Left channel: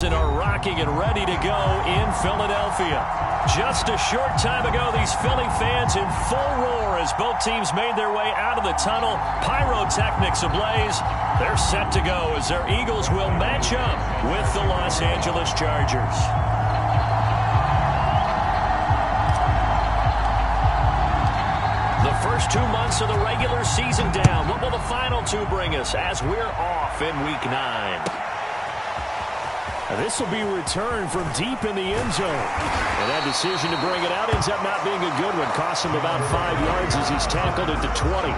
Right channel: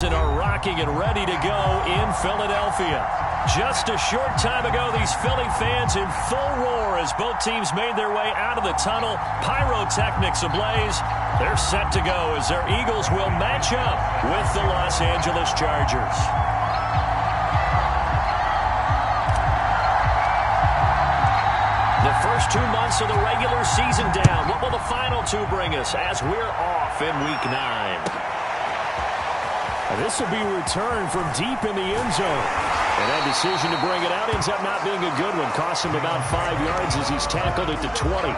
and are rocking and ready to go in Philadelphia. Just a short time ago, these Philly fans in full roar as both teams made their way out of the tunnel. Pyrotechnics ablaze. They're set to go as their Eagles will match up with the Los Angeles Chargers. The first 2 months of the regular season down. What will the final two bring us as we're off in Week 9? This will be returned from deep in the end zone. And that decision to bring it out ends up not being a good one. Costs him about 5 yards as he's tackled at the 20.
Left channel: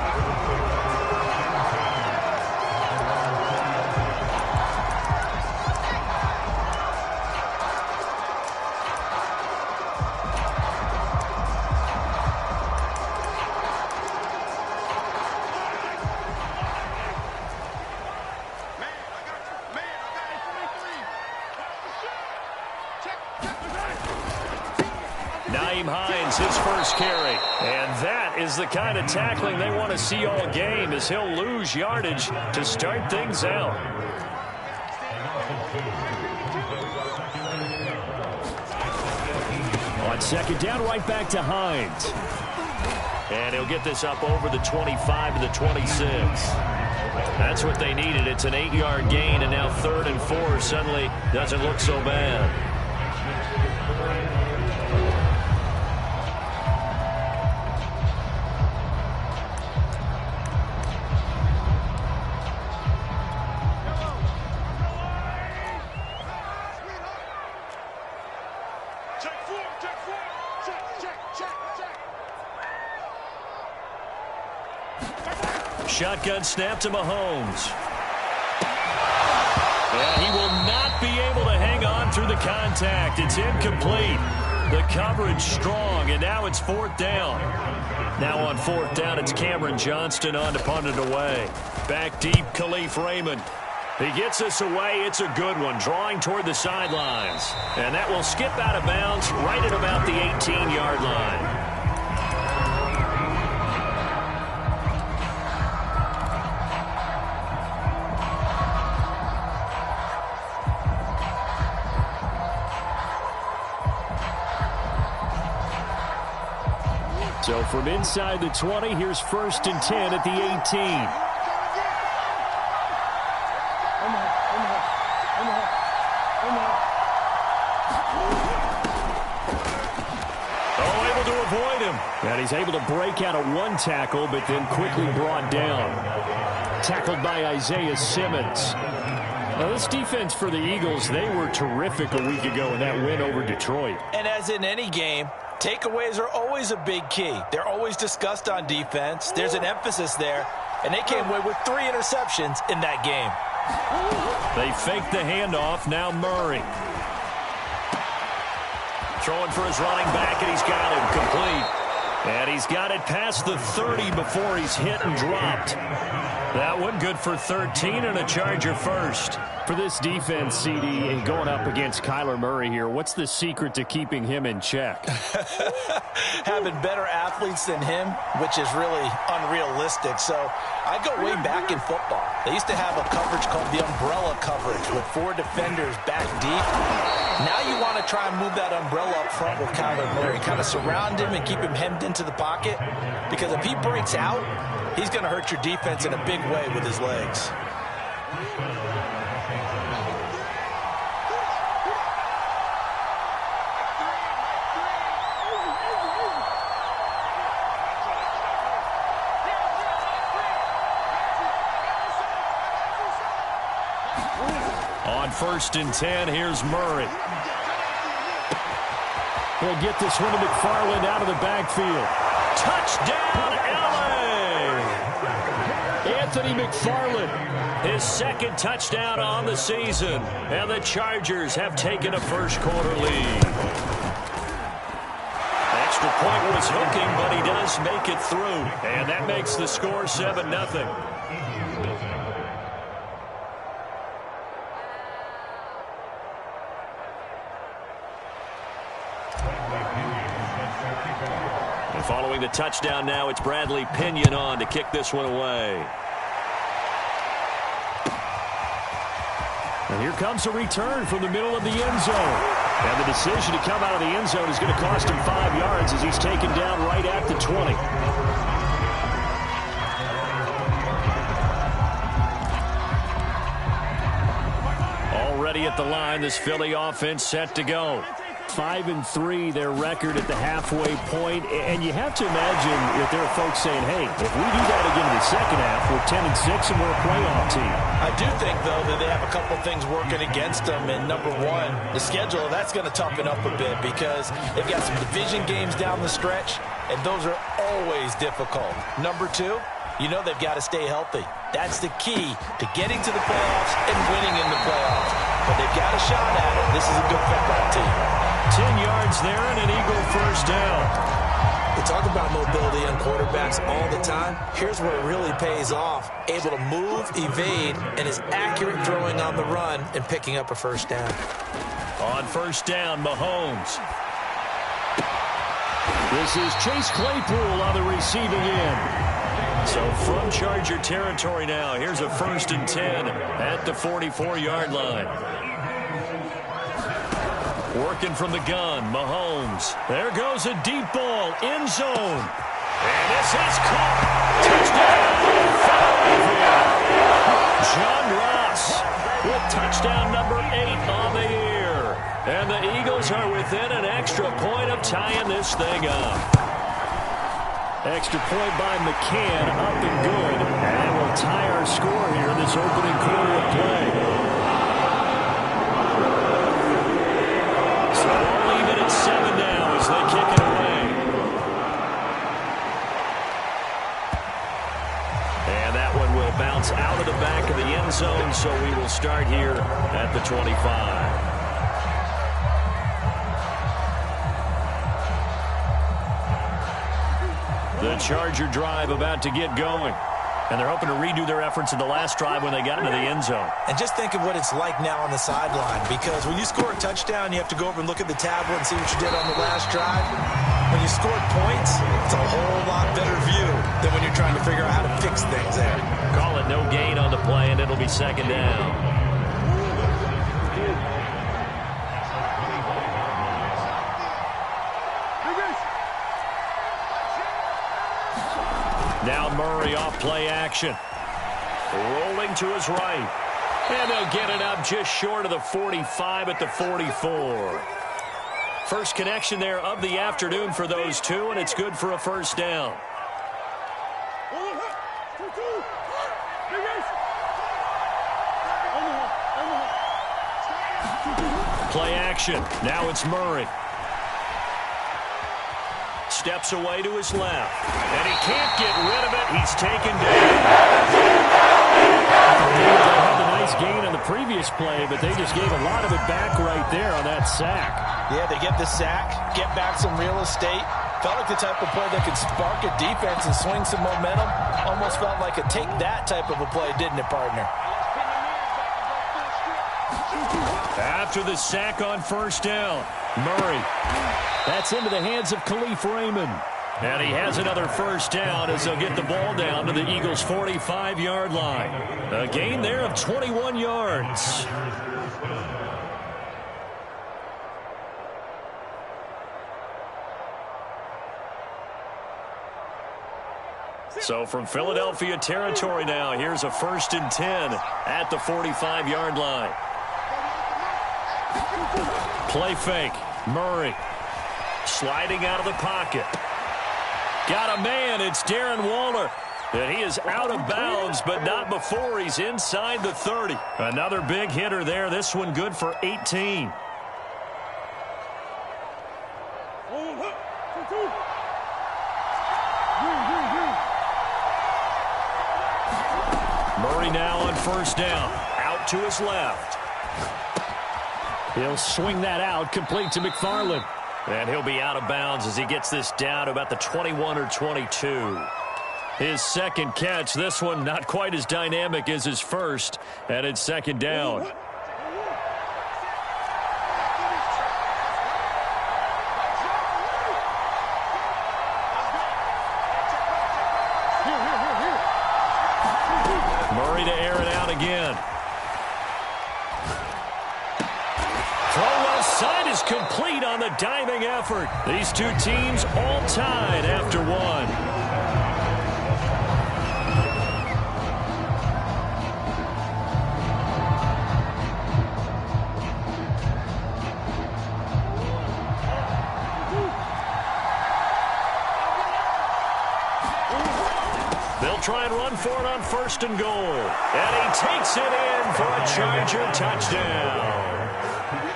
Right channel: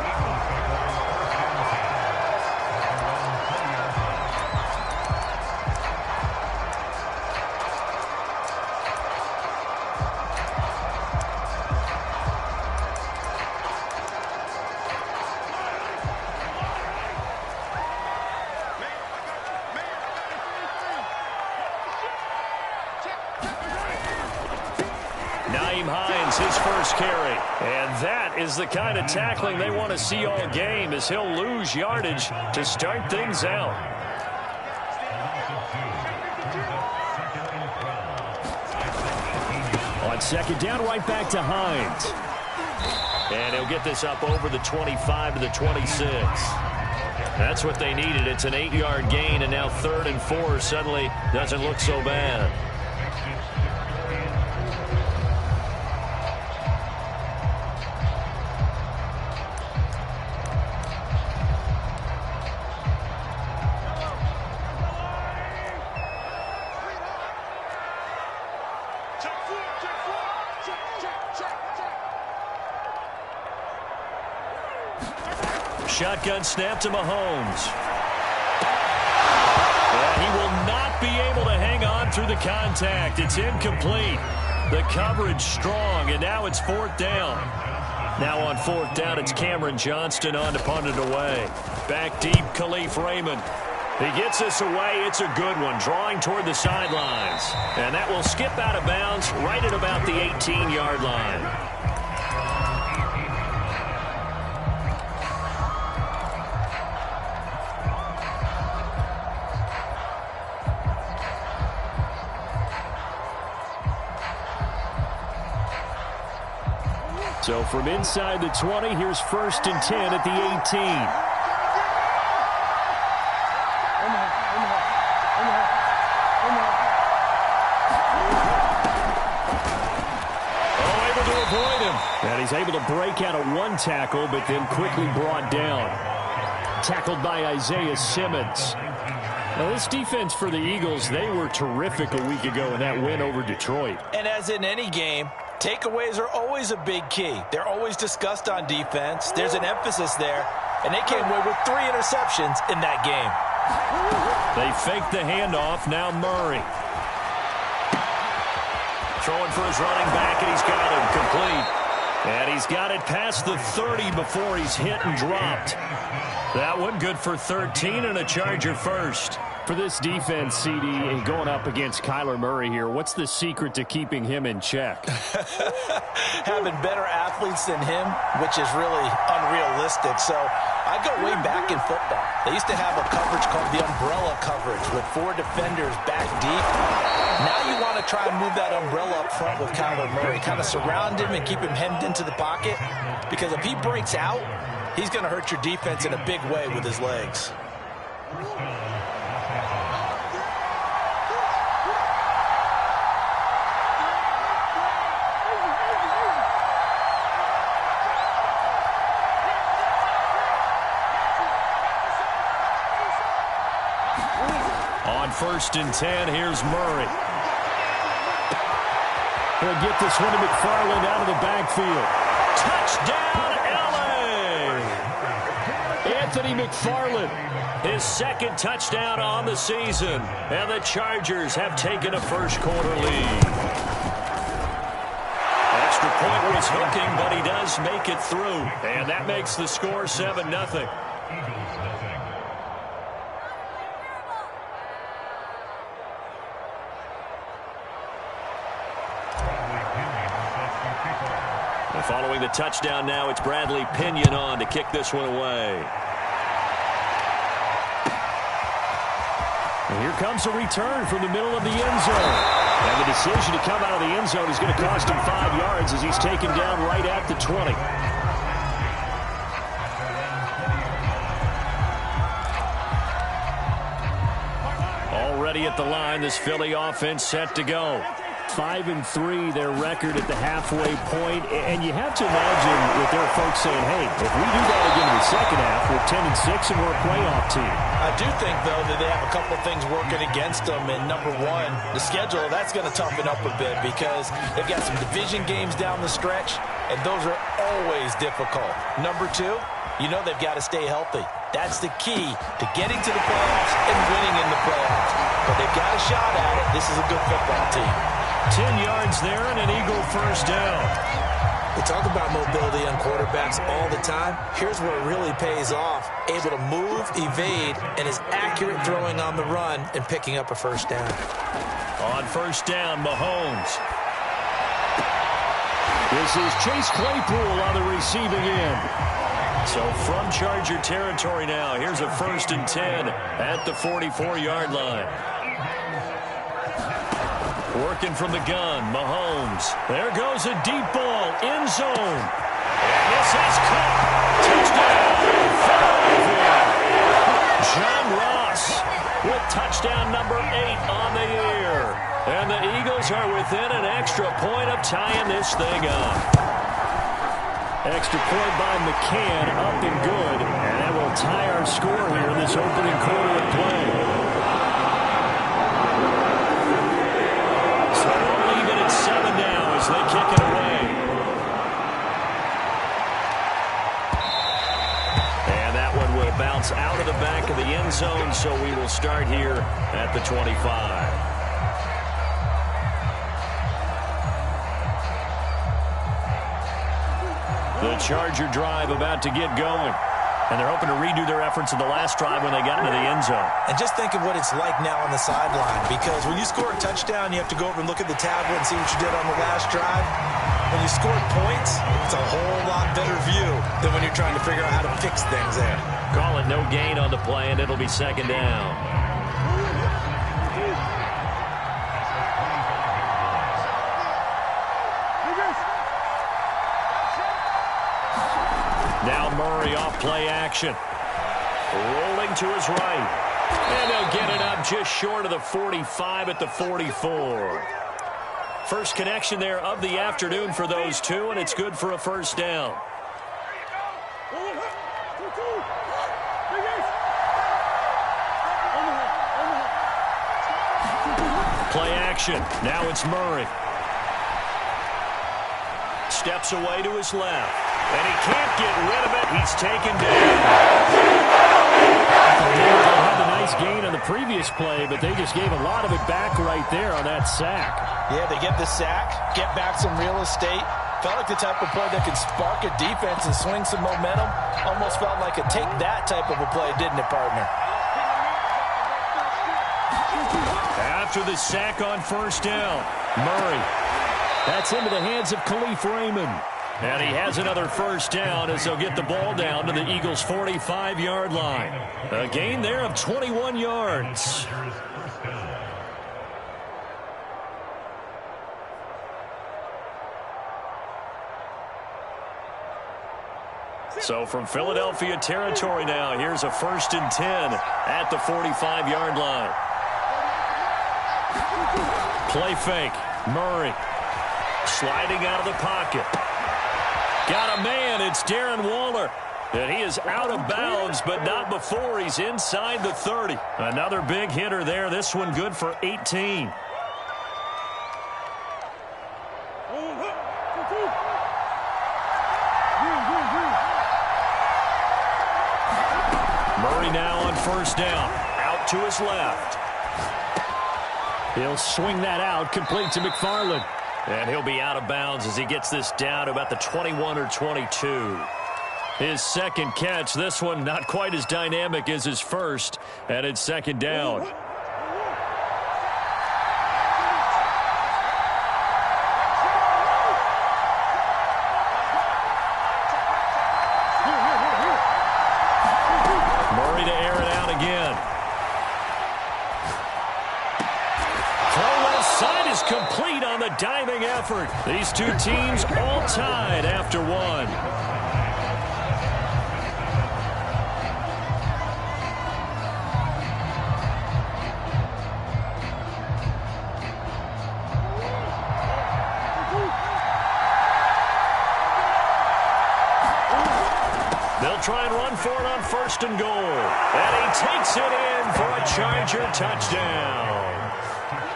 His first carry. And that is the kind of tackling they want to see all game as he'll lose yardage to start things out. On second down, right back to Hines. And he'll get this up over the 25 to the 26. That's what they needed. It's an 8-yard gain, and now 3rd and 4 suddenly doesn't look so bad. Shotgun snap to Mahomes. And he will not be able to hang on through the contact. It's incomplete. The coverage strong, and now it's 4th down. Now on 4th down, it's Cameron Johnston on to punt it away. Back deep, Khalif Raymond. He gets this away. It's a good one, drawing toward the sidelines. And that will skip out of bounds right at about the 18-yard line. So from inside the 20, here's 1st and 10 at the 18. Oh, able to avoid him. And he's able to break out of one tackle, but then quickly brought down. Tackled by Isaiah Simmons. Now, this defense for the Eagles, they were terrific a week ago in that win over Detroit. And as in any game, takeaways are always a big key. They're always discussed on defense. There's an emphasis there, and they came away with 3 interceptions in that game. They faked the handoff. Now Murray. Throwing for his running back, and he's got him complete. And he's got it past the 30 before he's hit and dropped. That one good for 13 and a Charger first. For this defense, CD, going up against Kyler Murray here, what's the secret to keeping him in check? Having better athletes than him, which is really unrealistic. So I go way back in football. They used to have a coverage called the umbrella coverage with 4 defenders back deep. Now you want to try and move that umbrella up front with Kyler Murray. Kind of surround him and keep him hemmed into the pocket. Because if he breaks out, he's going to hurt your defense in a big way with his legs. On 1st and 10, here's Murray. He'll get this one to McFarland out of the backfield. Touchdown, L.A. Anthony McFarland. His 2nd touchdown on the season. And the Chargers have taken a first-quarter lead. Extra point was hooking, but he does make it through. And that makes the score 7-0. And following the touchdown now, it's Bradley Pinion on to kick this one away. Here comes a return from the middle of the end zone. And the decision to come out of the end zone is going to cost him 5 yards as he's taken down right at the 20. Already at the line, this Philly offense set to go. 5-3, their record at the halfway point. And you have to imagine that there are folks saying, hey, if we do that again in the second half, we're 10-6 and we're a playoff team. I do think, though, that they have a couple things working against them. And number one, the schedule, that's going to toughen up a bit because they've got some division games down the stretch, and those are always difficult. Number two, you know they've got to stay healthy. That's the key to getting to the playoffs and winning in the playoffs. But they've got a shot at it. This is a good football team. 10 yards there and an Eagle first down. We talk about mobility on quarterbacks all the time. Here's where it really pays off. Able to move, evade, and is accurate throwing on the run and picking up a first down. On first down, Mahomes. This is Chase Claypool on the receiving end. So from Charger territory now, here's a 1st and 10 at the 44-yard line. Working from the gun, Mahomes. There goes a deep ball, end zone. And this is caught. Touchdown, Philadelphia. John Ross with touchdown number 8 on the year. And the Eagles are within an extra point of tying this thing up. Extra point by McCann, up and good. And that will tie our score here in this opening quarter of play. So all even at 7 now as they kick it away. And that one will bounce out of the back of the end zone, so we will start here at the 25. The Charger drive about to get going. And they're hoping to redo their efforts in the last drive when they got into the end zone. And just think of what it's like now on the sideline, because when you score a touchdown, you have to go over and look at the tablet and see what you did on the last drive. When you scored points, it's a whole lot better view than when you're trying to figure out how to fix things there. Call it no gain on the play, and it'll be 2nd down. Now Murray off play action. Rolling to his right. And they'll get it up just short of the 45 at the 44. First connection there of the afternoon for those two, and it's good for a first down. Play action. Now it's Murray. Steps away to his left. And he can't get rid of it. He's taken down. They had a nice gain on the previous play, but they just gave a lot of it back right there on that sack. Yeah, they get the sack, get back some real estate. Felt like the type of play that could spark a defense and swing some momentum. Almost felt like a take that type of a play, didn't it, partner? After the sack on first down, Murray. That's into the hands of Khalif Raymond. And he has another first down as they'll get the ball down to the Eagles' 45-yard line. A gain there of 21 yards. So from Philadelphia territory now, here's a 1st and 10 at the 45-yard line. Play fake. Murray. Sliding out of the pocket. Got a man. It's Darren Waller. And he is out of bounds, but not before he's inside the 30. Another big hitter there. This one good for 18. Murray now on first down. Out to his left. He'll swing that out, complete to McFarland. And he'll be out of bounds as he gets this down to about the 21 or 22. His second catch, this one not quite as dynamic as his first, and it's 2nd down. Murray to air it out again. side is complete on the diving effort. These two teams all tied after one. They'll try and run for it on 1st and goal. And he takes it in for a Charger touchdown.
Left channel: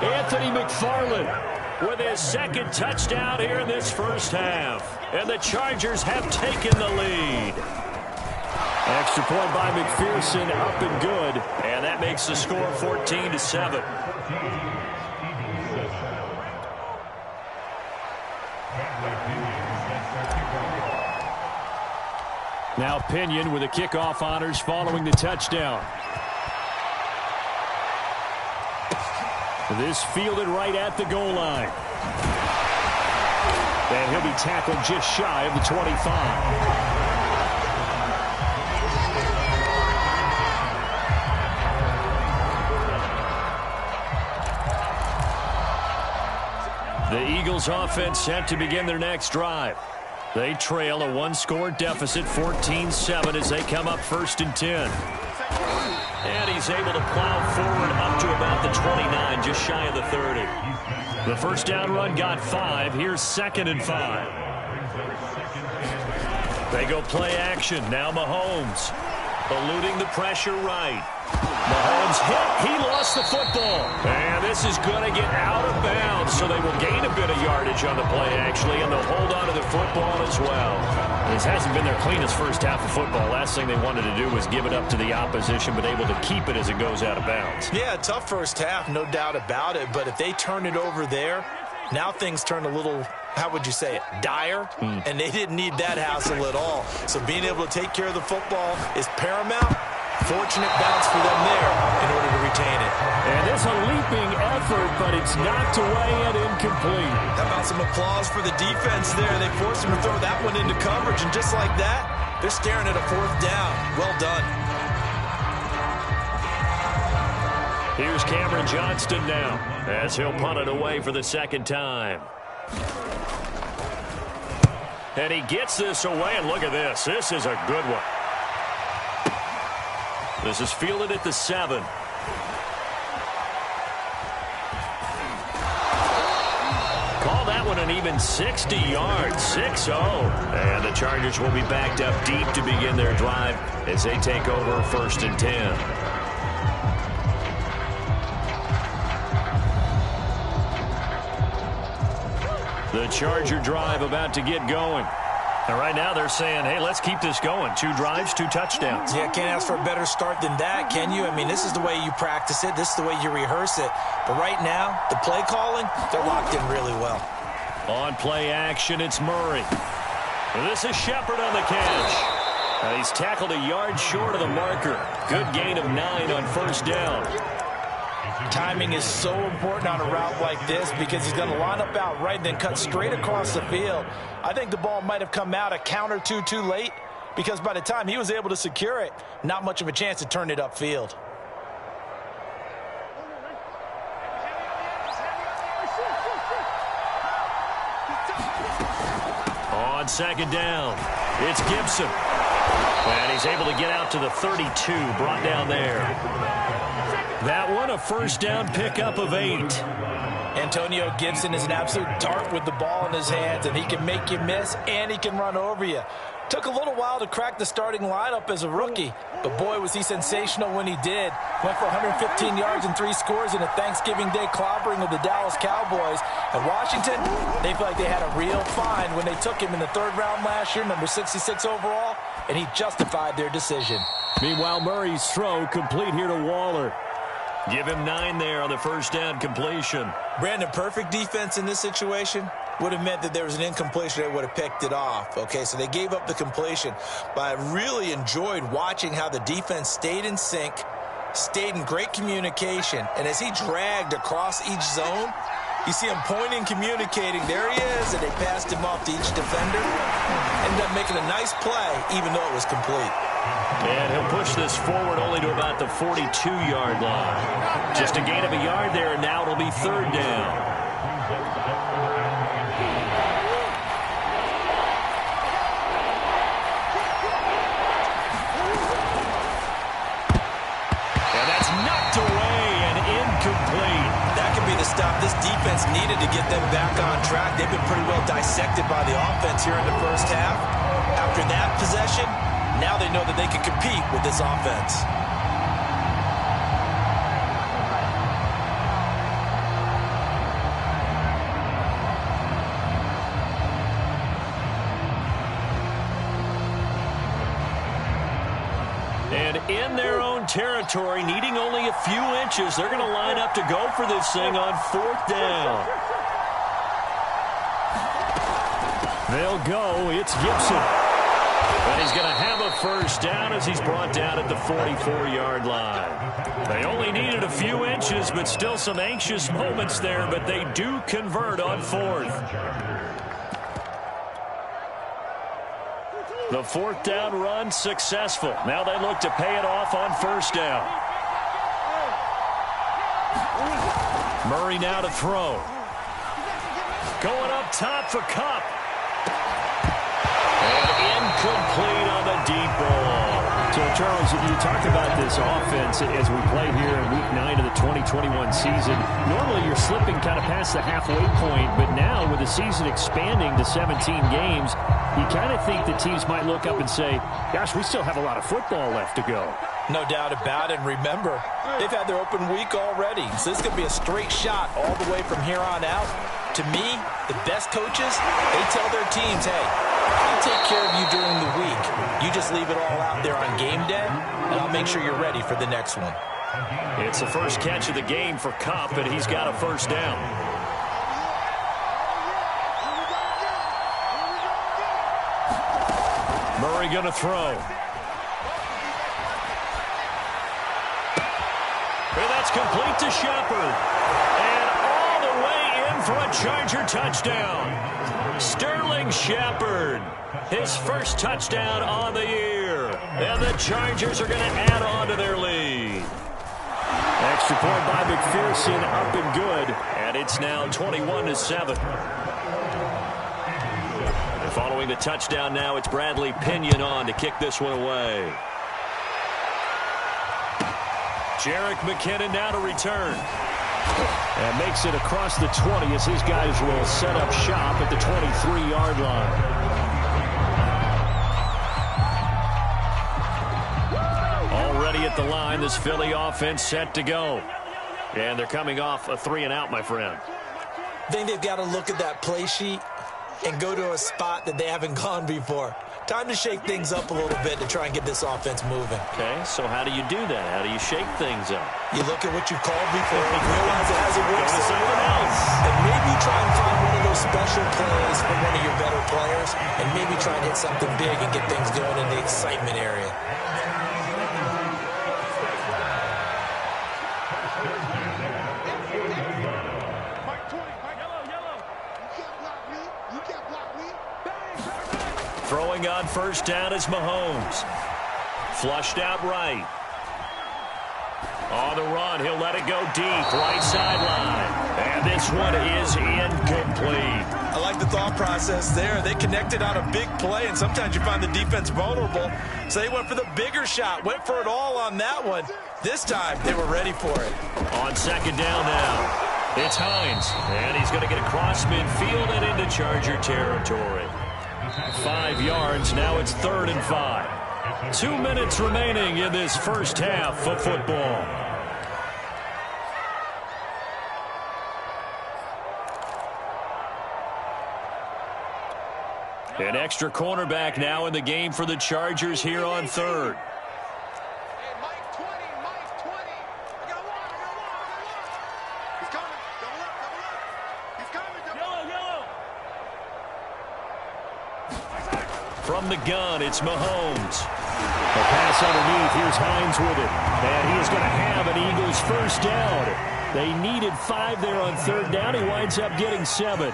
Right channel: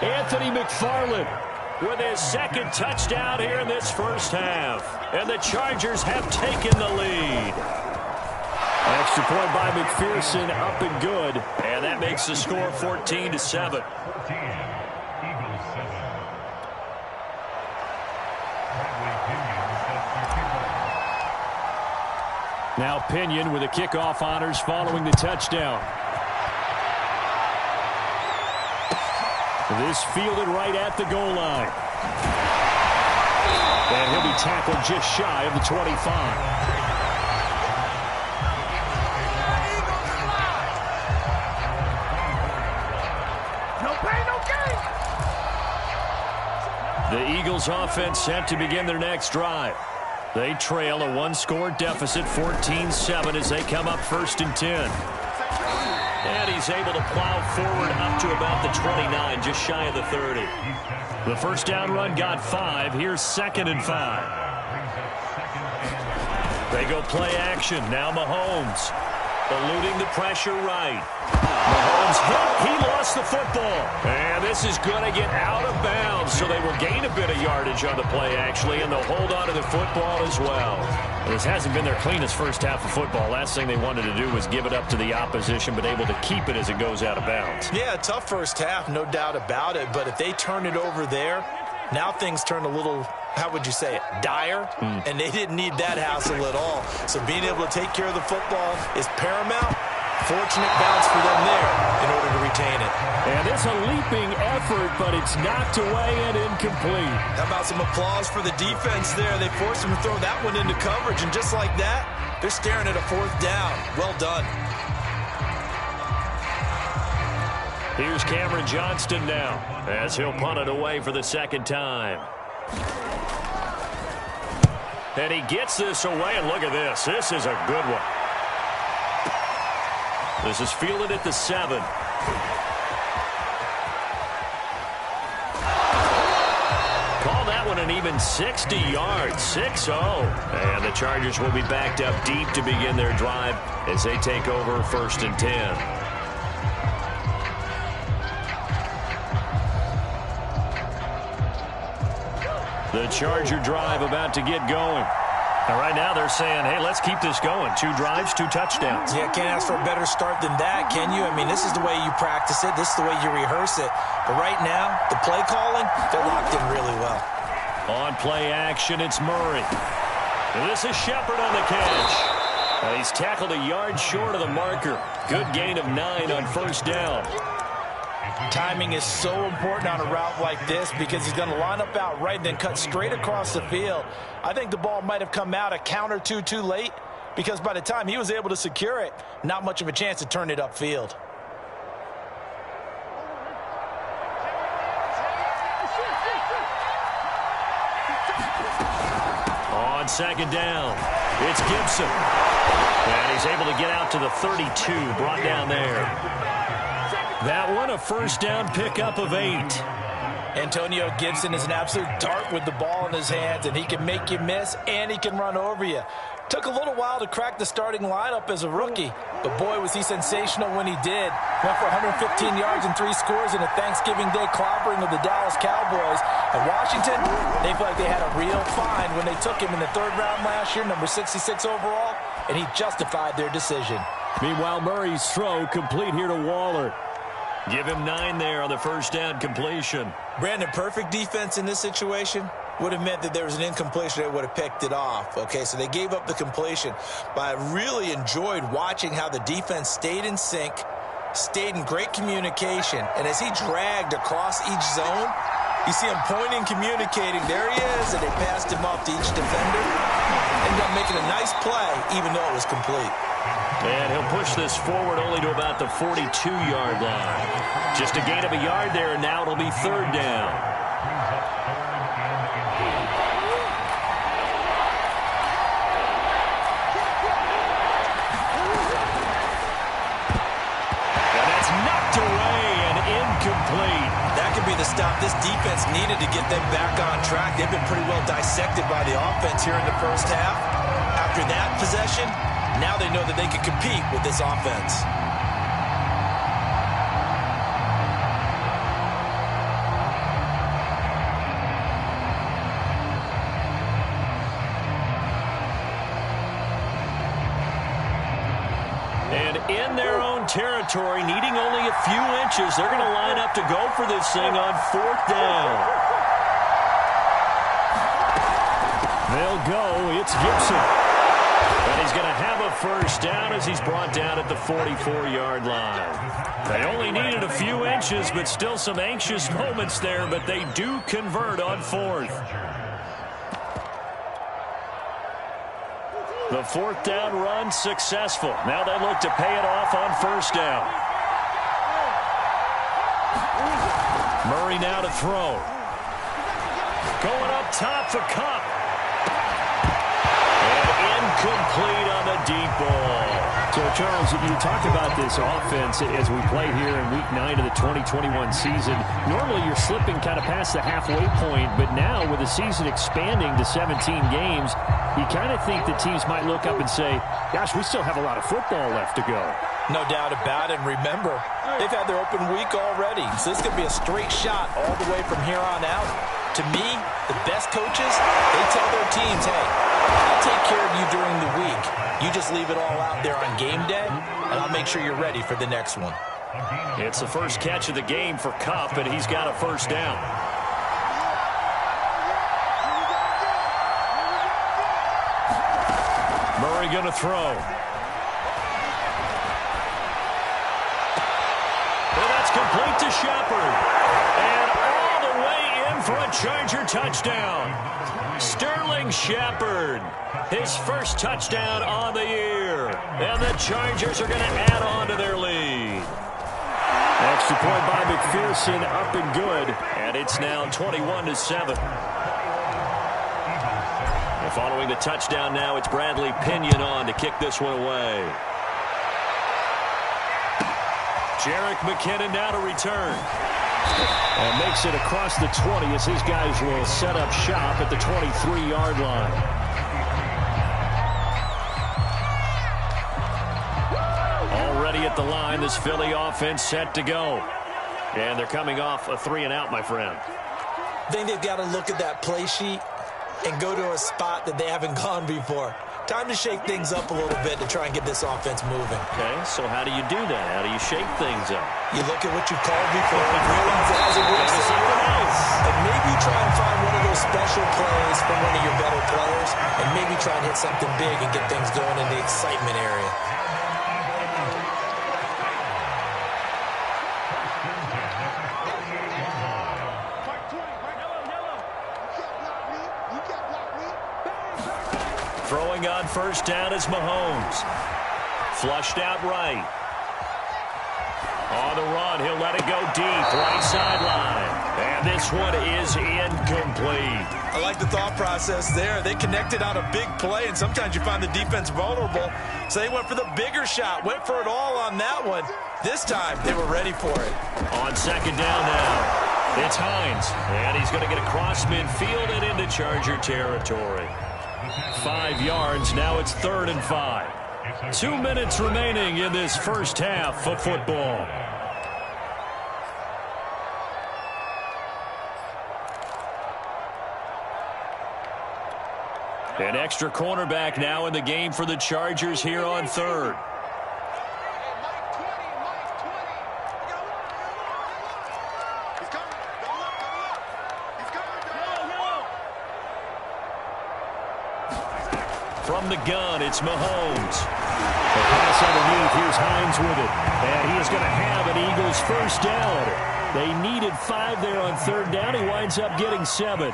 Anthony McFarland with his second touchdown here in this first half. And the Chargers have taken the lead. Extra point by McPherson, up and good. And that makes the score 14-7. Now Pinion with the kickoff honors following the touchdown. This fielded right at the goal line. And he'll be tackled just shy of the 25. The Eagles offense set to begin their next drive. They trail a one-score deficit, 14-7, as they come up 1st and 10. And he's able to plow forward up to about the 29, just shy of the 30. The first down run got 5. Here's 2nd and 5. They go play action. Now Mahomes eluding the pressure right. Mahomes hit. He lost the football. And this is going to get out of bounds, so they will gain a bit of yardage on the play, actually, and they'll hold on to the football as well. This hasn't been their cleanest first half of football. Last thing they wanted to do was give it up to the opposition, but able to keep it as it goes out of bounds. Yeah, tough first half, no doubt about it. But if they turn it over there, now things turn a little, how would you say it, dire? And they didn't need that hassle at all. So being able to take care of the football is paramount. Fortunate bounce for them there in order to retain it. And it's a leaping effort, but it's knocked away and incomplete. How about some applause for the defense there? They forced him to throw that one into coverage, and just like that, they're staring at a 4th down. Well done. Here's Cameron Johnston now, as he'll punt it away for the 2nd time. And he gets this away, and look at this. This is a good one. This is fielded at the 7. Call that one an even 60 yards, 6-0. And the Chargers will be backed up deep to begin their drive as they take over 1st and 10. The Charger drive about to get going. And right now they're saying, hey, let's keep this going. 2 drives, 2 touchdowns. Yeah, can't ask for a better start than that, can you? I mean, this is the way you practice it. This is the way you rehearse it. But right now, the play calling, they're locked in really well. On play action, it's Murray. And this is Shepard on the catch. And he's tackled a yard short of the marker. Good gain of 9 on 1st down. Timing is so important on a route like this because he's going to line up out right and then cut straight across the field. I think the ball might have come out a count or two too late because by the time he was able to secure it, not much of a chance to turn it upfield. On 2nd down, it's Gibson. And he's able to get out to the 32, brought down there. That one, a 1st down pickup of 8. Antonio Gibson is an absolute dart with the ball in his hands, and he can make you miss, and he can run over you. Took a little while to crack the starting lineup as a rookie, but boy, was he sensational when he did. Went for 115 yards and 3 scores in a Thanksgiving Day clobbering of the Dallas Cowboys. And Washington, they feel like they had a real find when they took him in the 3rd round last year, number 66 overall, and he justified their decision. Meanwhile, Murray's throw complete here to Waller. Give him 9 there on the 1st down completion. Brandon, perfect defense in this situation would have meant that there was an incompletion. They would have picked it off. Okay, so they gave up the completion. But I really enjoyed watching how the defense stayed in sync, stayed in great communication. And as he dragged across each zone, you see him pointing, communicating. There he is, and they passed him off to each defender. Ended up making a nice play, even though it was complete. And he'll push this forward only to about the 42-yard line. Just a gain of a yard there, and now it'll be third down. And that's knocked away and incomplete. That could be the stop this defense needed to get them back on track. They've been pretty well dissected by the offense here in the first half. After that possession, now they know that they can compete with this offense. And in their own territory, needing only a few inches, they're going to line up to go for this thing on fourth down. They'll go. It's Gibson. And he's going to have a first down as he's brought down at the 44-yard line. They only needed a few inches, but still some anxious moments there, but they do convert on fourth. The fourth down run successful. Now they look to pay it off on first down. Murray now to throw. Going up top for Kupp. And incomplete on the deep ball. So, Charles, you talked about this offense as we play here in Week 9 of the 2021 season. Normally, you're slipping kind of past the halfway point, but now with the season expanding to 17 games, you kind of think the teams might look up and say, gosh, we still have a lot of football left to go. No doubt about it. And remember, they've had their open week already. So this could be a straight shot all the way from here on out. To me, the best coaches, they tell their teams, hey, I'll take care of you during the week. You just leave it all out there on game day, and I'll make sure you're ready for the next one. It's the first catch of the game for Kupp, and he's got a first down. Murray going to throw. And that's complete to Shepard. And all the way in for a Charger touchdown. Sterling Shepard, his first touchdown on the year. And the Chargers are going to add on to their lead. Extra point by McPherson, up and good. And it's now 21-7. And following the touchdown now, it's Bradley Pinion on to kick this one away. Jerick McKinnon now to return. And makes it across the 20 as his guys will set up shop at the 23-yard line. Already at the line, this Philly offense set to go. And they're coming off a 3-and-out, my friend. I think they've got to look at that play sheet and go to a spot that they haven't gone before. Time to shake things up a little bit to try and get this offense moving. Okay, so how do you do that? How do you shake things up? You look at what you've called before and realize it hasn't worked so something else. And maybe try and find one of those special plays from one of your better players, and maybe try and hit something big and get things going in the excitement area. Throwing on first down is Mahomes. Flushed out right. On the run, he'll let it go deep, right sideline. And this one is incomplete. I like the thought process there. They connected on a big play, and sometimes you find the defense vulnerable. So they went for the bigger shot, went for it all on that one. This time, they were ready for it. On second down now, it's Hines. And he's going to get across midfield and into Charger territory. 5 yards, now it's 3rd and 5. 2 minutes remaining in this first half of football. An extra cornerback now in the game for the Chargers here on 3rd. From the gun, it's Mahomes. The pass underneath. Here's Hines with it. And he is going to have an Eagles first down. They needed 5 there on 3rd down. He winds up getting 7.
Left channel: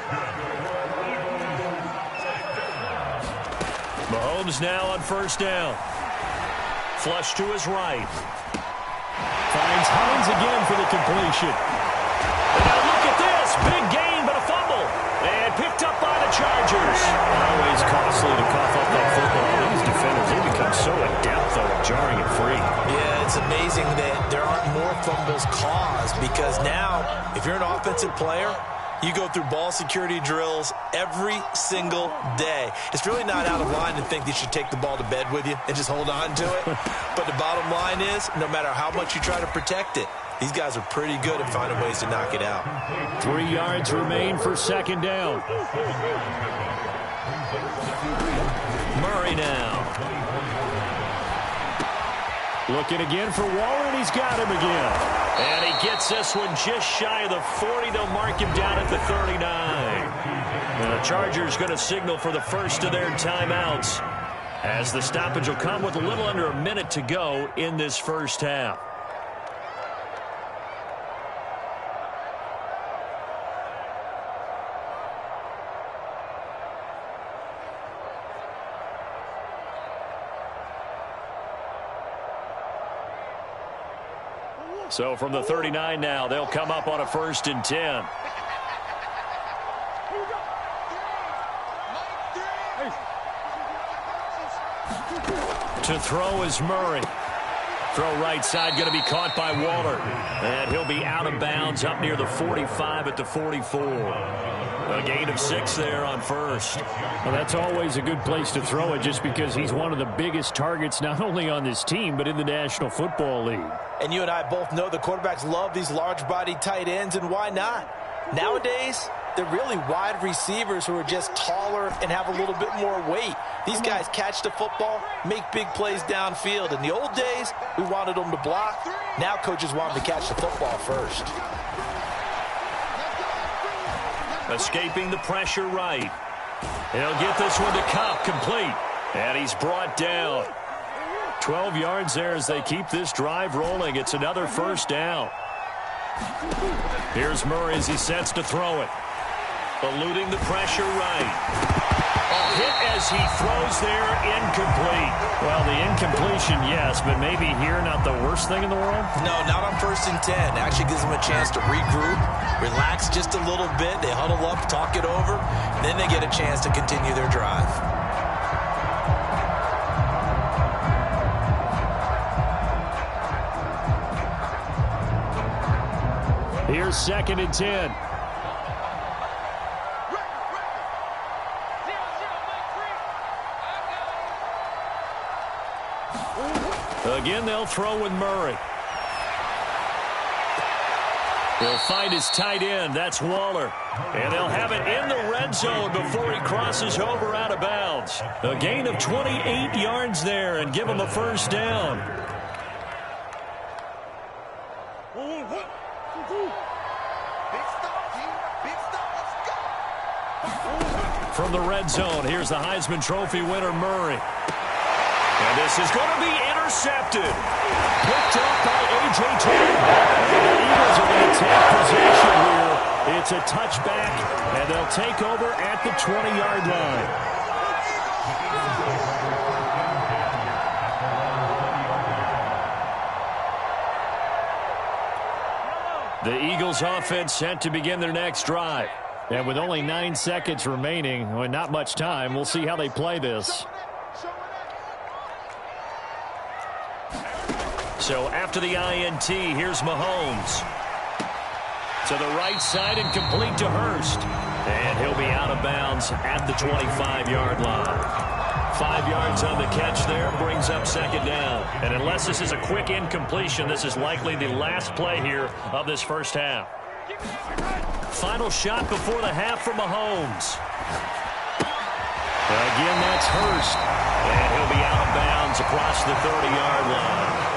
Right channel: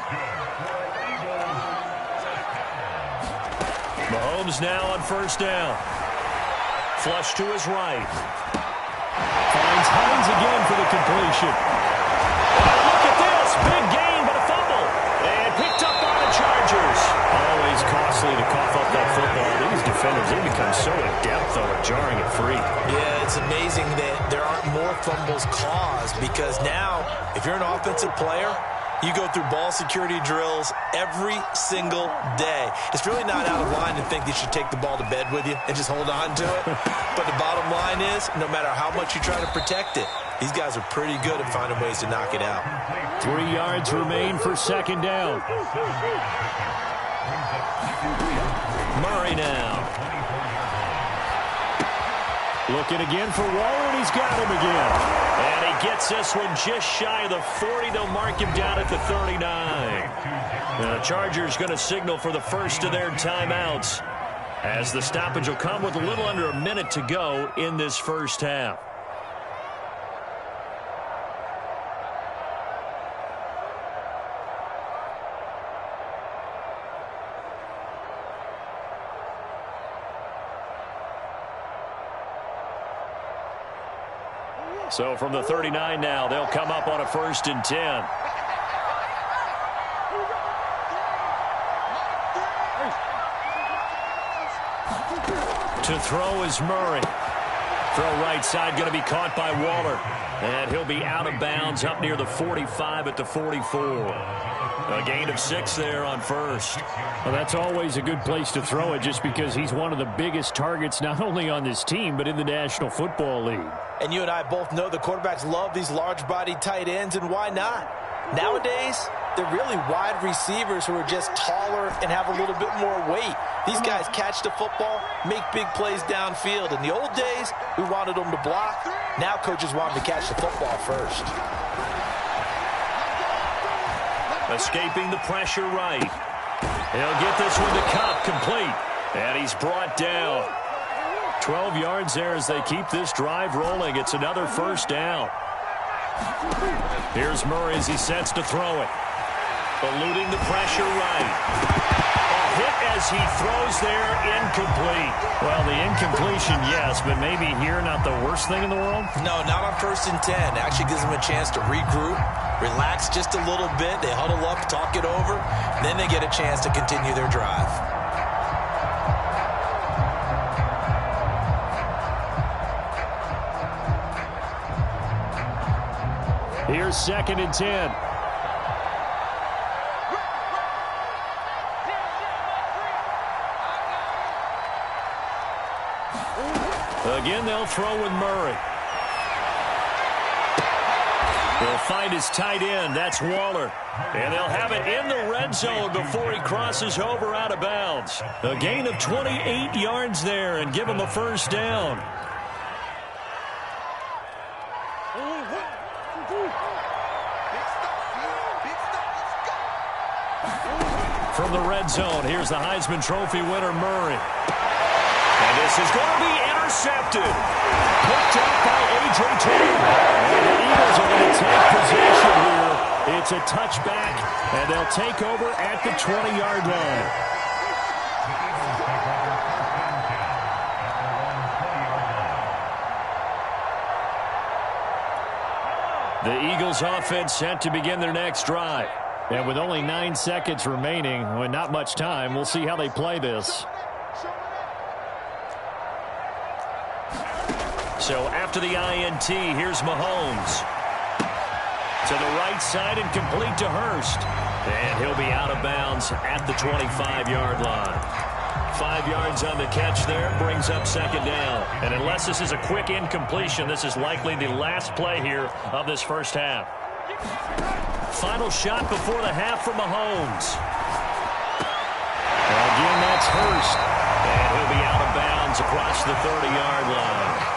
Mahomes now on first down. Flush to his right. Finds Hines again for the completion. Now look at this. Big gain, but a fumble. And picked up by the Chargers. Always costly to cough up that football. These defenders, they become so adept, though, at jarring it free. Yeah, it's amazing that there aren't more fumbles caused because now, if you're an offensive player, you go through ball security drills every single day. It's really not out of line to think that you should take the ball to bed with you and just hold on to it. But the bottom line is, no matter how much you try to protect it, these guys are pretty good at finding ways to knock it out. 3 yards remain for second down. Murray now. Looking again for Waller, and he's got him again. And he gets this one just shy of the 40. They'll mark him down at the 39. The Chargers going to signal for the first of their timeouts as the stoppage will come with a little under a minute to go in this first half. So from the 39 now, they'll come up on a 1st and 10. To throw is Murray. Throw right side, going to be caught by Waller. And he'll be out of bounds up near the 45 at the 44. A gain of 6 there on first. Well, that's always a good place to throw it just because he's one of the biggest targets not only on this team but in the National Football League. And you and I both know the quarterbacks love these large-bodied tight ends, and why not? Nowadays, they're really wide receivers who are just taller and have a little bit more weight. These guys catch the football, make big plays downfield. In the old days, we wanted them to block. Now coaches want them to catch the football first. Escaping the pressure right. He'll get this one to Kupp, complete. And he's brought down. 12 yards there as they keep this drive rolling. It's another first down. Here's Murray as he sets to throw it. Eluding the pressure right. A hit as he throws there, incomplete. Well, the incompletion, yes, but maybe here not the worst thing in the world? No, not on 1st and 10. Actually gives them a chance to regroup, relax just a little bit. They huddle up, talk it over, then they get a chance to continue their drive. Here's 2nd and 10. Again, they'll throw with Murray. He'll find his tight end. That's Waller. And they'll have it in the red zone before he crosses over out of bounds. A gain of 28 yards there and give him a first down. From the red zone, here's the Heisman Trophy winner, Murray. And this is going to be intercepted. Picked up by A.J. Taylor. And the Eagles are going to take possession here. It's a touchback, and they'll take over at the 20-yard line. The Eagles offense set to begin their next drive. And with only 9 seconds remaining, well, not much time, we'll see how they play this. So after the INT, here's Mahomes. To the right side and complete to Hurst. And he'll be out of bounds at the 25-yard line. 5 yards on the catch there, brings up 2nd down. And unless this is a quick incompletion, this is likely the last play here of this first half. Final shot before the half from Mahomes. Again, that's Hurst. And he'll be out of bounds across the 30-yard line.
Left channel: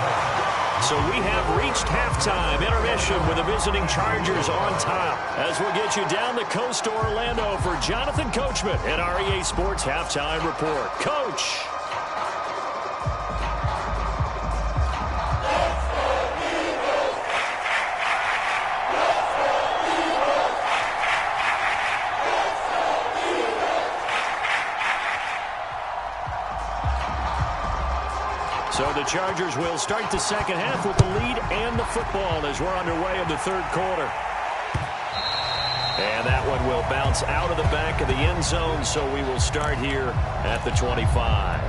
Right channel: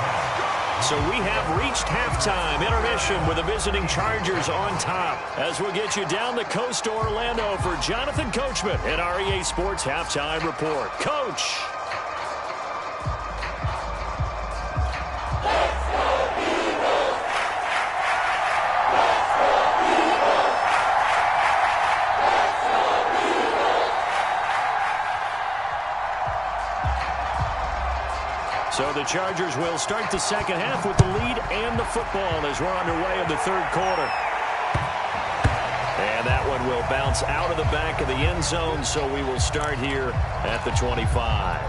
So we have reached halftime intermission with the visiting Chargers on top. As we'll get you down the coast to Orlando for Jonathan Coachman at our EA Sports Halftime Report. Coach. So So the Chargers will start the second half with the lead and the football as we're underway in the third quarter. And that one will bounce out of the back of the end zone, so we will start here at the 25.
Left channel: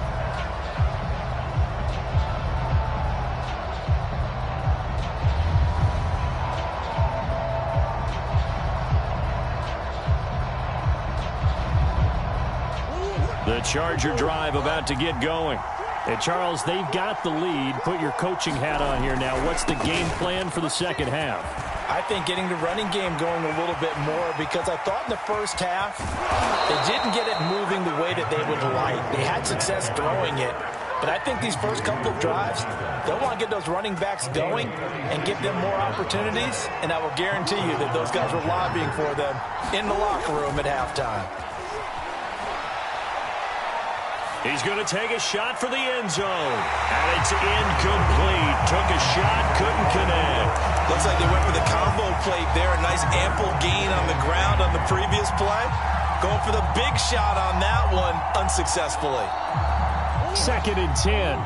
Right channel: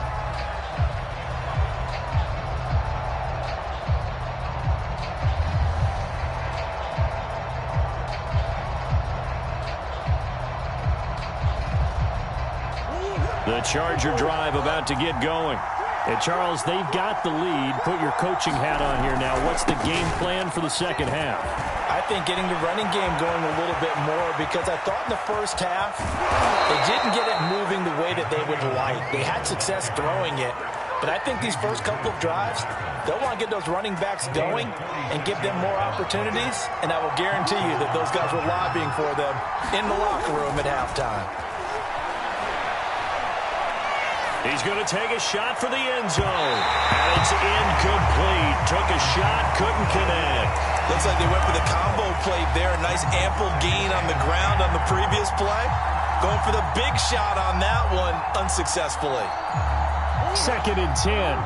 The Charger drive about to get going. And Charles, they've got the lead. Put your coaching hat on here now. What's the game plan for the second half? I think getting the running game going a little bit more, because I thought in the first half they didn't get it moving the way that they would like. They had success throwing it, but I think these first couple of drives, they'll want to get those running backs going and give them more opportunities, and I will guarantee you that those guys were lobbying for them in the locker room at halftime. He's going to take a shot for the end zone. And it's incomplete. Took a shot, couldn't connect. Looks like they went for the combo play there. A nice ample gain on the ground on the previous play. Going for the big shot on that one unsuccessfully. 2nd and 10.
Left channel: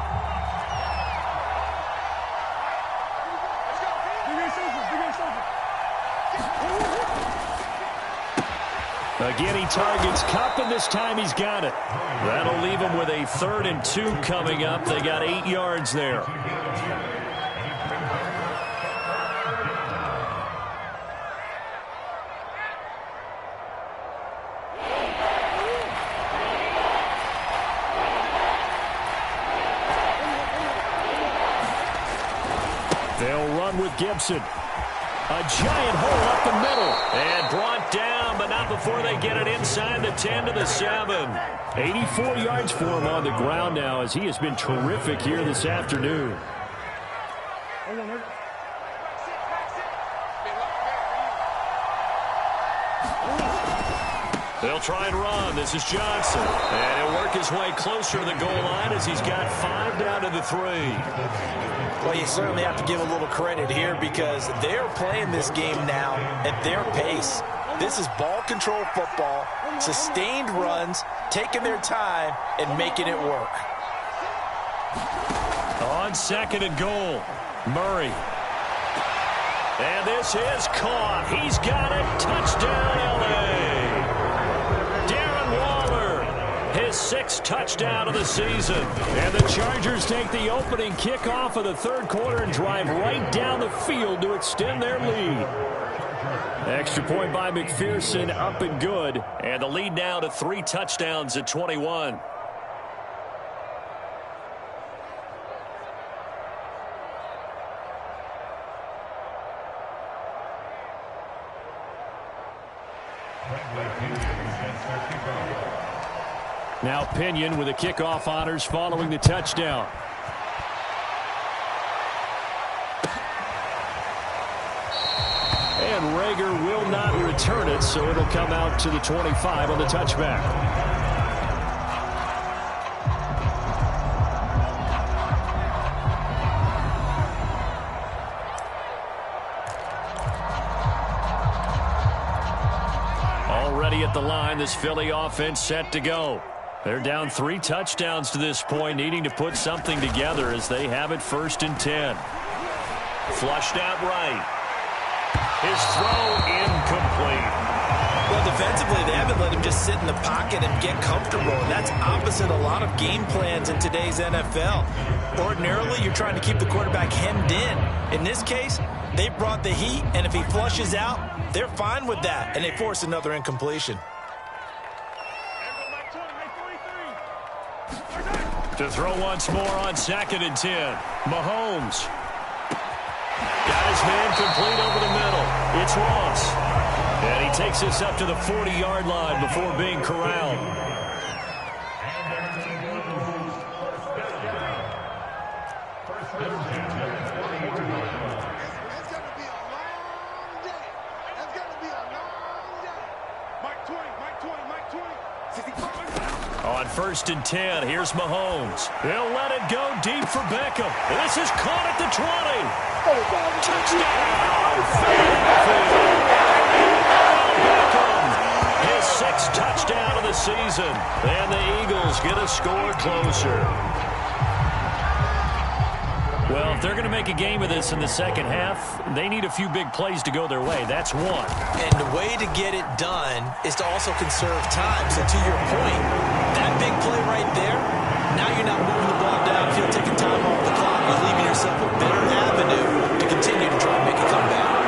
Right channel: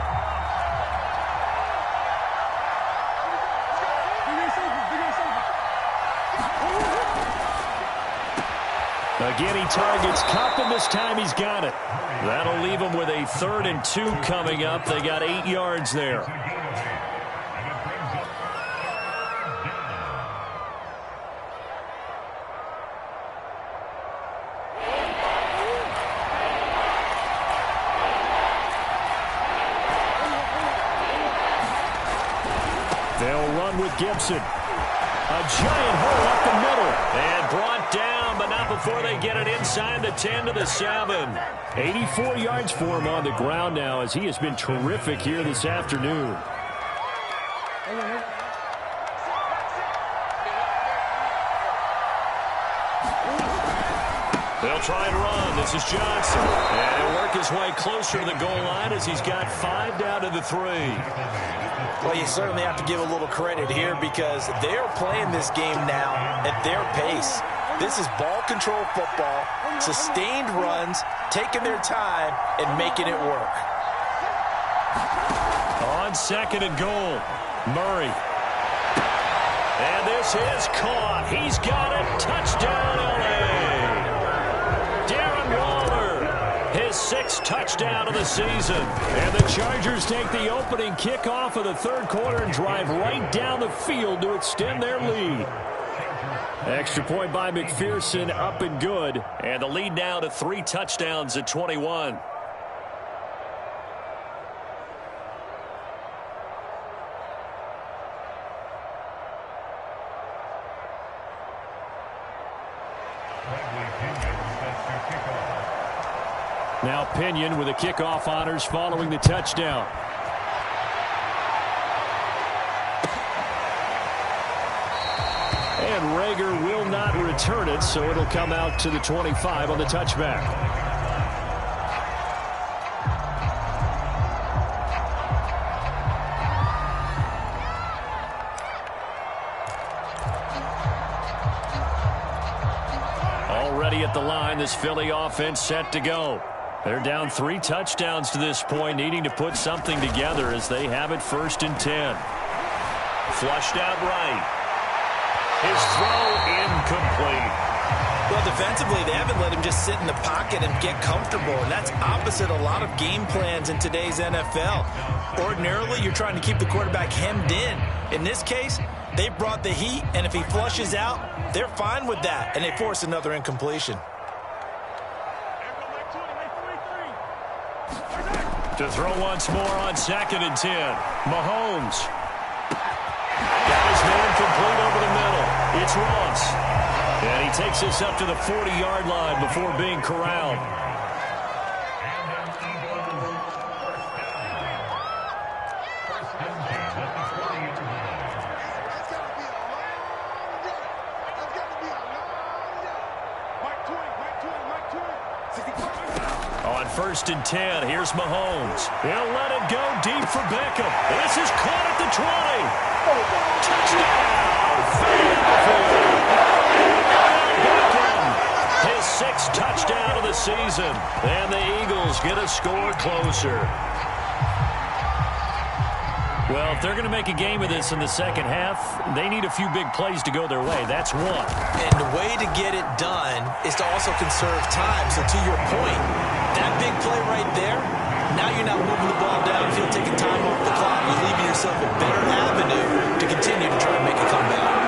Again, he targets Kupp, and this time he's got it. That'll leave him with a 3rd and 2 coming up. They got 8 yards there. They'll run with Gibson. A giant hole up the middle. And brought down, but not before they get it inside the 10 to the 7. 84 yards for him on the ground now, as he has been terrific here this afternoon. They'll try and run. This is Johnson. And he'll work his way closer to the goal line as he's got 5 down to the 3. Well, you certainly have to give a little credit here, because they're playing this game now at their pace. This is ball control football, sustained runs, taking their time and making it work. On 2nd and goal, Murray. And this is caught. He's got it. Touchdown, L.A. Darren Waller, his 6th touchdown of the season. And the Chargers take the opening kickoff of the third quarter and drive right down the field to extend their lead. Extra point by McPherson, up and good. And the lead now to 3 touchdowns at 21. Now Pinion with the kickoff honors following the touchdown. And Rager will not return it, so it'll come out to the 25 on the touchback. Already at the line, this Philly offense set to go. They're down 3 touchdowns to this point, needing to put something together as they have it 1st and 10. Flushed out right. His throw incomplete. Well, defensively, they haven't let him just sit in the pocket and get comfortable, and that's opposite a lot of game plans in today's NFL. Ordinarily, you're trying to keep the quarterback hemmed in. In this case, they brought the heat, and if he flushes out, they're fine with that, and they force another incompletion. To throw once more on 2nd and 10. Mahomes. Got his man complete over the middle. It's Ross. And he takes this up to the 40-yard line before being corralled. On 1st and 10, here's Mahomes. He'll let it go deep for Beckham. This is caught at the 20. Touchdown, Philadelphia. Beckham, his 6th touchdown of the season. And the Eagles get a score closer. Well, if they're going to make a game of this in the second half, they need a few big plays to go their way. That's one. And the way to get it done is to also conserve time. So to your point, that big play right there, now you're not moving the ball downfield, taking time off the clock. You're leaving yourself a better avenue to continue to try and make a comeback.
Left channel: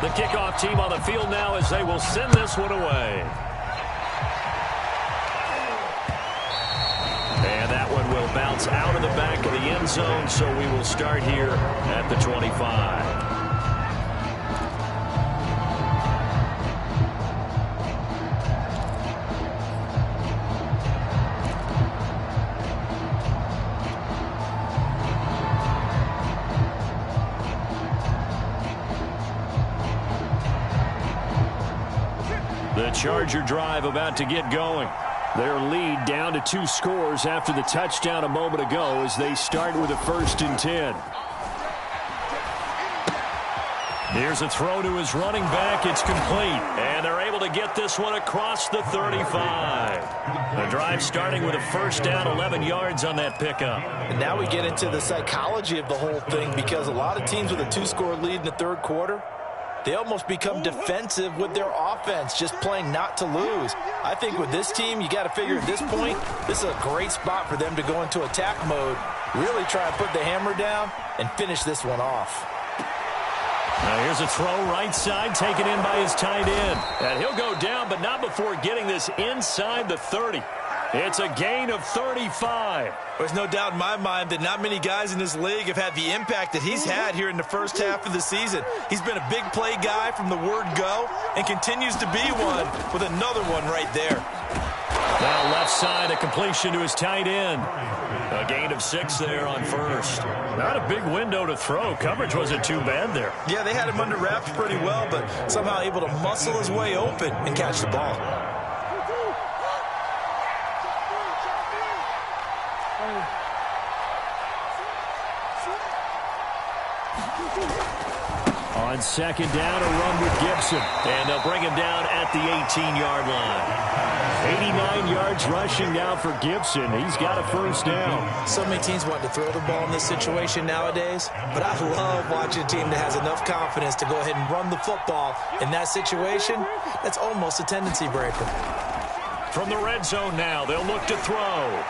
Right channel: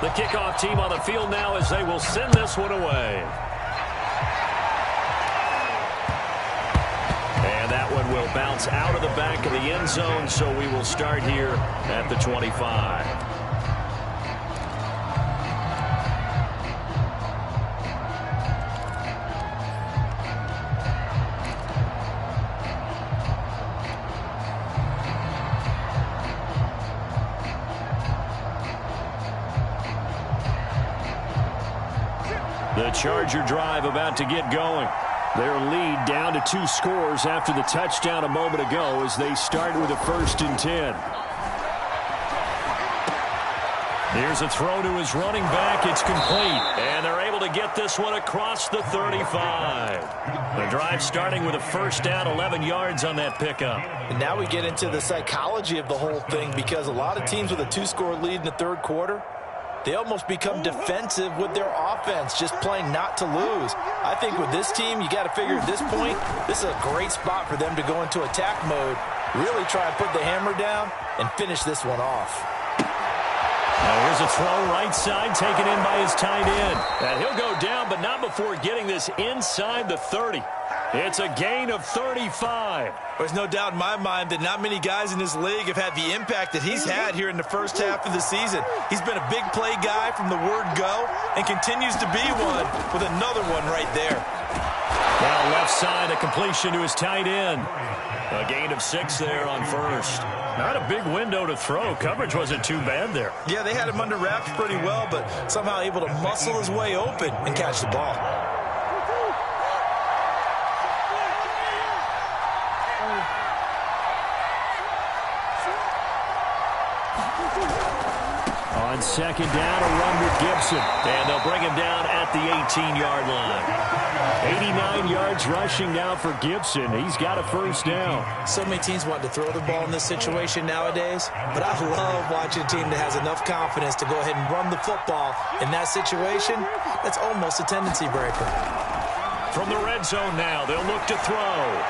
The kickoff team on the field now as they will send this one away. And that one will bounce out of the back of the end zone, so we will start here at the 25. The Charger drive about to get going. Their lead down to 2 scores after the touchdown a moment ago as they start with a 1st and 10. Here's a throw to his running back. It's complete. And they're able to get this one across the 35. The drive starting with a 1st down, 11 yards on that pickup. And now we get into the psychology of the whole thing, because a lot of teams with a 2-score lead in the third quarter, they almost become defensive with their offense, just playing not to lose. I think with this team, you got to figure at this point, this is a great spot for them to go into attack mode, really try and put the hammer down and finish this one off. Now here's a throw right side, taken in by his tight end. And he'll go down, but not before getting this inside the 30. It's a gain of 35. There's no doubt in my mind that not many guys in this league have had the impact that he's had here in the first half of the season. He's been a big play guy from the word go and continues to be one with another one right there. Now left side, a completion to his tight end. A gain of 6 there on 1st. Not a big window to throw. Coverage wasn't too bad there. Yeah, they had him under wraps pretty well, but somehow able to muscle his way open and catch the ball. On 2nd down, a run with Gibson. And they'll bring him down at the 18-yard line. 89 yards rushing now for Gibson. He's got a 1st down. So many teams want to throw the ball in this situation nowadays, but I love watching a team that has enough confidence to go ahead and run the football. In that situation, that's almost a tendency breaker. From the red zone now, they'll look to throw.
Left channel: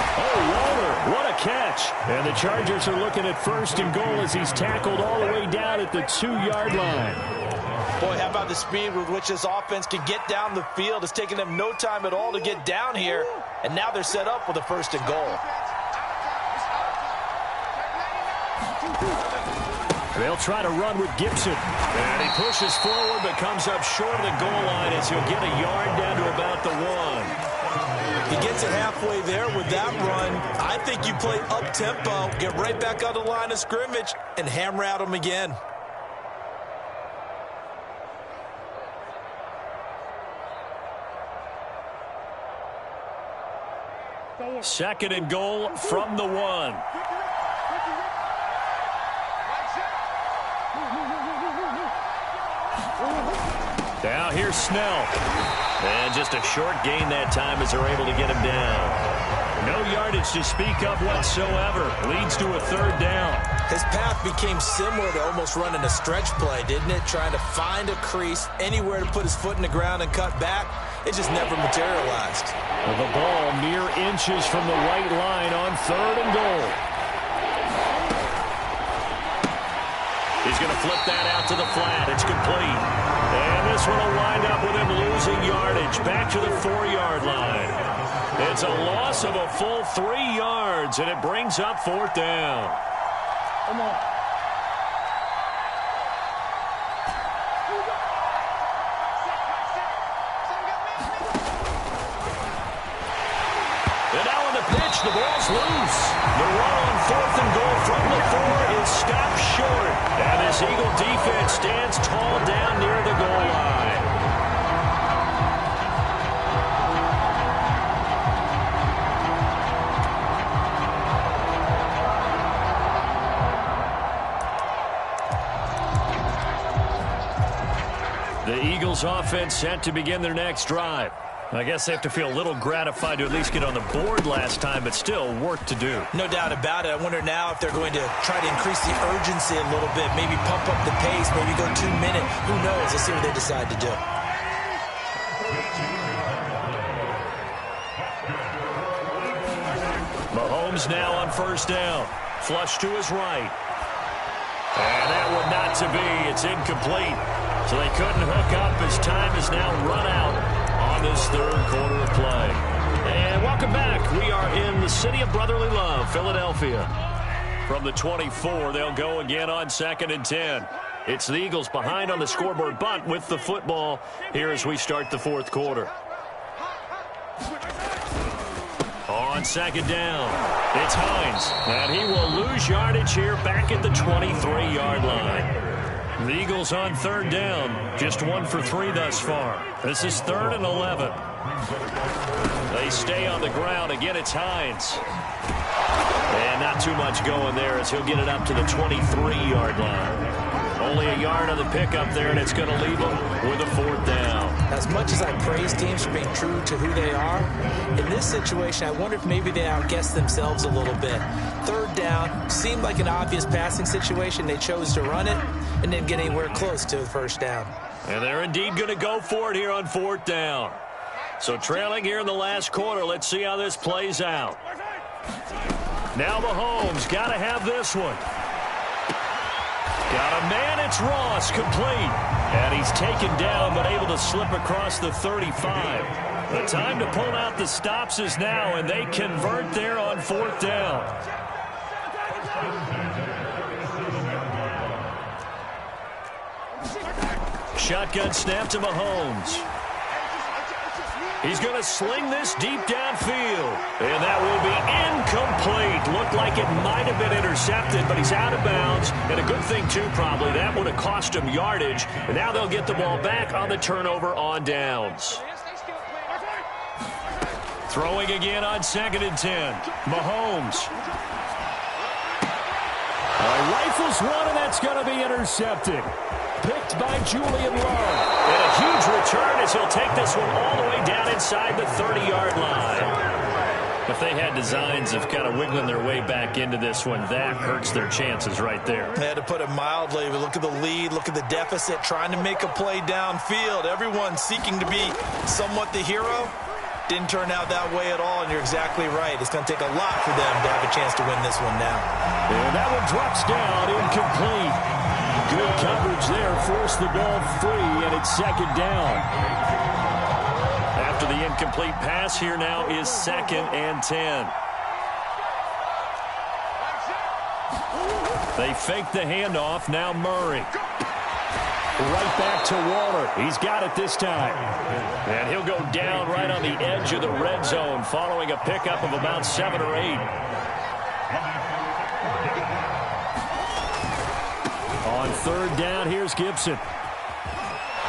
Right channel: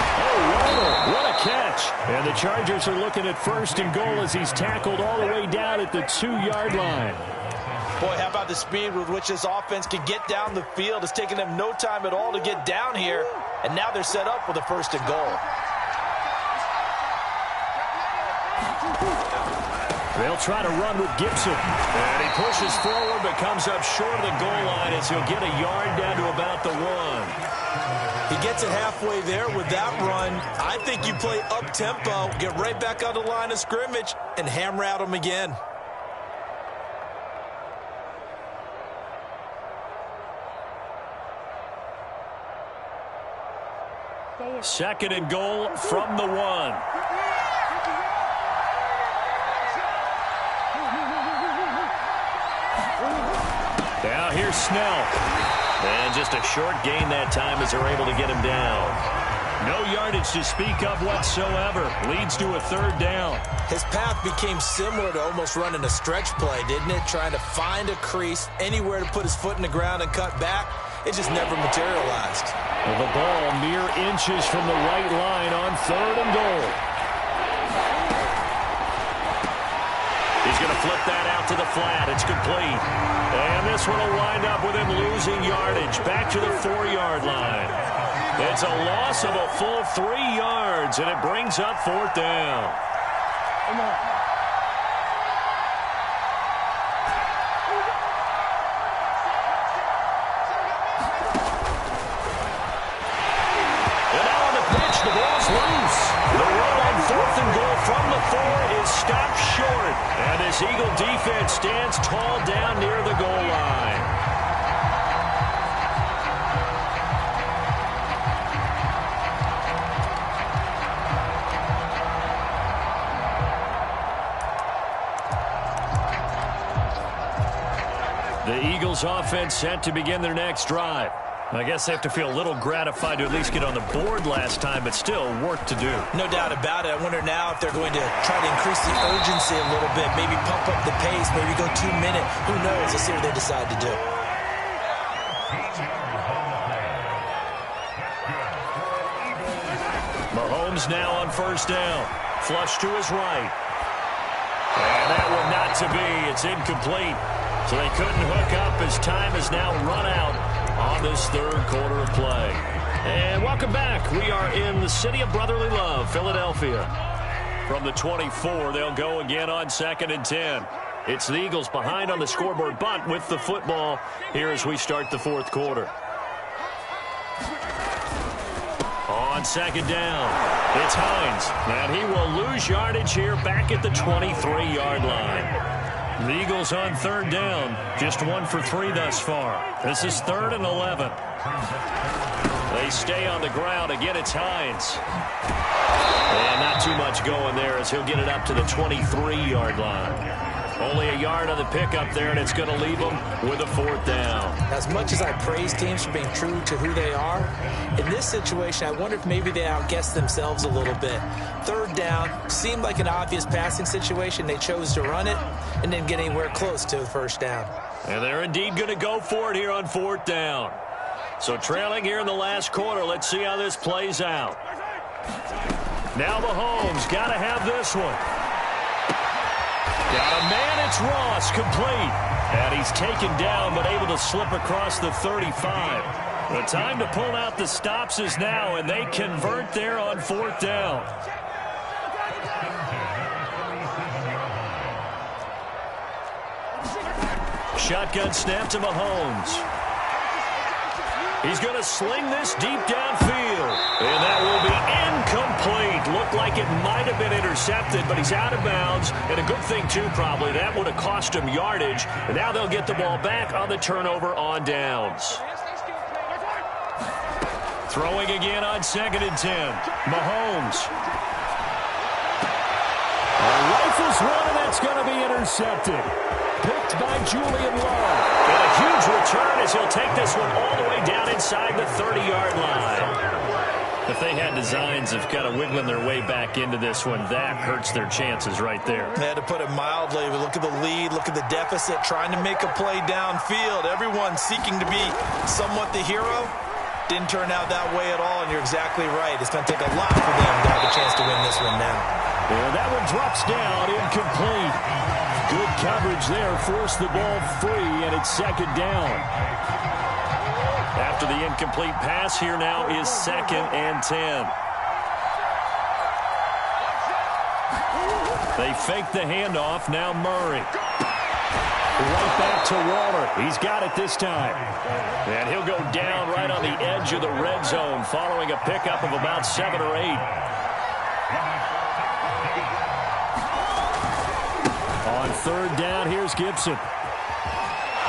Oh, Waller, what a catch. And the Chargers are looking at 1st and goal as he's tackled all the way down at the 2-yard line. Boy, how about the speed with which this offense can get down the field? It's taken them no time at all to get down here, and now they're set up with a 1st and goal. They'll try to run with Gibson. And he pushes forward but comes up short of the goal line as he'll get a yard down to about the 1. He gets it halfway there with that run. I think you play up-tempo, get right back on the line of scrimmage, and hammer at him again. Second and goal from the 1. Now here's Snell. And just a short gain that time as they're able to get him down. No yardage to speak of whatsoever. Leads to a 3rd down. His path became similar to almost running a stretch play, didn't it? Trying to find a crease, anywhere to put his foot in the ground and cut back. It just never materialized. The ball mere inches from the right line on 3rd and goal. He's going to flip that out to the flat. It's complete. And this one will wind up with him losing yardage back to the 4-yard line. It's a loss of a full 3 yards, and it brings up 4th down. Come on. And now on the pitch, the ball's loose. The run on 4th and goal from the 4 is stopped short. And this Eagle defense stands tall down near the goal line. The Eagles offense set to begin their next drive. I guess they have to feel a little gratified to at least get on the board last time, but still work to do. No doubt about it. I wonder now if they're going to try to increase the urgency a little bit, maybe pump up the pace, maybe go 2 minute. Who knows? Let's see what they decide to do. Mahomes now on 1st down. Flush to his right. And that one not to be. It's incomplete. So they couldn't hook up as time has now run out on this 3rd quarter of play. And welcome back. We are in the city of brotherly love, Philadelphia. From the 24, they'll go again on 2nd and 10. It's the Eagles behind on the scoreboard, but with the football here as we start the 4th quarter. On 2nd down, it's Hines. And he will lose yardage here back at the 23-yard line. The Eagles on 3rd down, just 1 for 3 thus far. This is 3rd and 11. They stay on the ground. Again, it's Hines. And not too much going there as he'll get it up to the 23-yard line. Only a yard on the pickup there, and it's going to leave them with a 4th down. As much as I praise teams for being true to who they are, in this situation, I wonder if maybe they outguessed themselves a little bit. 3rd down seemed like an obvious passing situation. They chose to run it and didn't get anywhere close to the 1st down. And they're indeed going to go for it here on 4th down. So trailing here in the last quarter, let's see how this plays out. Now Mahomes got to have this one. Got a man, it's Ross, complete. And he's taken down, but able to slip across the 35. The time to pull out the stops is now, and they convert there on 4th down. Shotgun snap to Mahomes. He's going to sling this deep downfield. And that will be incomplete. Looked like it might have been intercepted, but he's out of bounds. And a good thing, too, probably. That would have cost him yardage. And now they'll get the ball back on the turnover on downs. Throwing again on 2nd and 10. Mahomes. Rifles one, and that's going to be intercepted. Picked by Julian Love. And a huge return as he'll take this one all the way down inside the 30-yard line. If they had designs of kind of wiggling their way back into this one, that hurts their chances right there. They had to put it mildly. Look at the lead, look at the deficit, trying to make a play downfield. Everyone seeking to be somewhat the hero. Didn't turn out that way at all, and you're exactly right. It's going to take a lot for them to have a chance to win this one now. And that one drops down, incomplete. Good coverage there, forced the ball free, and it's 2nd down. After the incomplete pass, here now is 2nd and 10. They fake the handoff, now Murray. Right back to Waller. He's got it this time. And he'll go down right on the edge of the red zone following a pickup of about 7 or 8. On 3rd down, here's Gibson.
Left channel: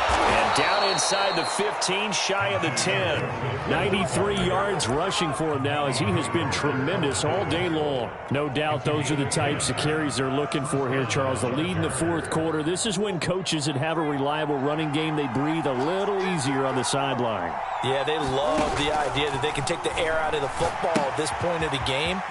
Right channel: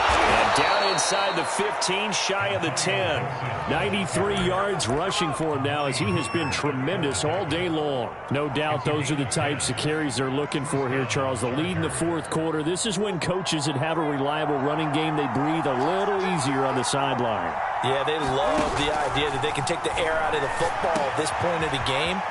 And down inside the 15, shy of the 10. 93 yards rushing for him now as he has been tremendous all day long. No doubt those are the types of carries they're looking for here, Charles. The lead in the 4th quarter. This is when coaches that have a reliable running game, they breathe a little easier on the sideline. Yeah, they love the idea that they can take the air out of the football at this point of the game.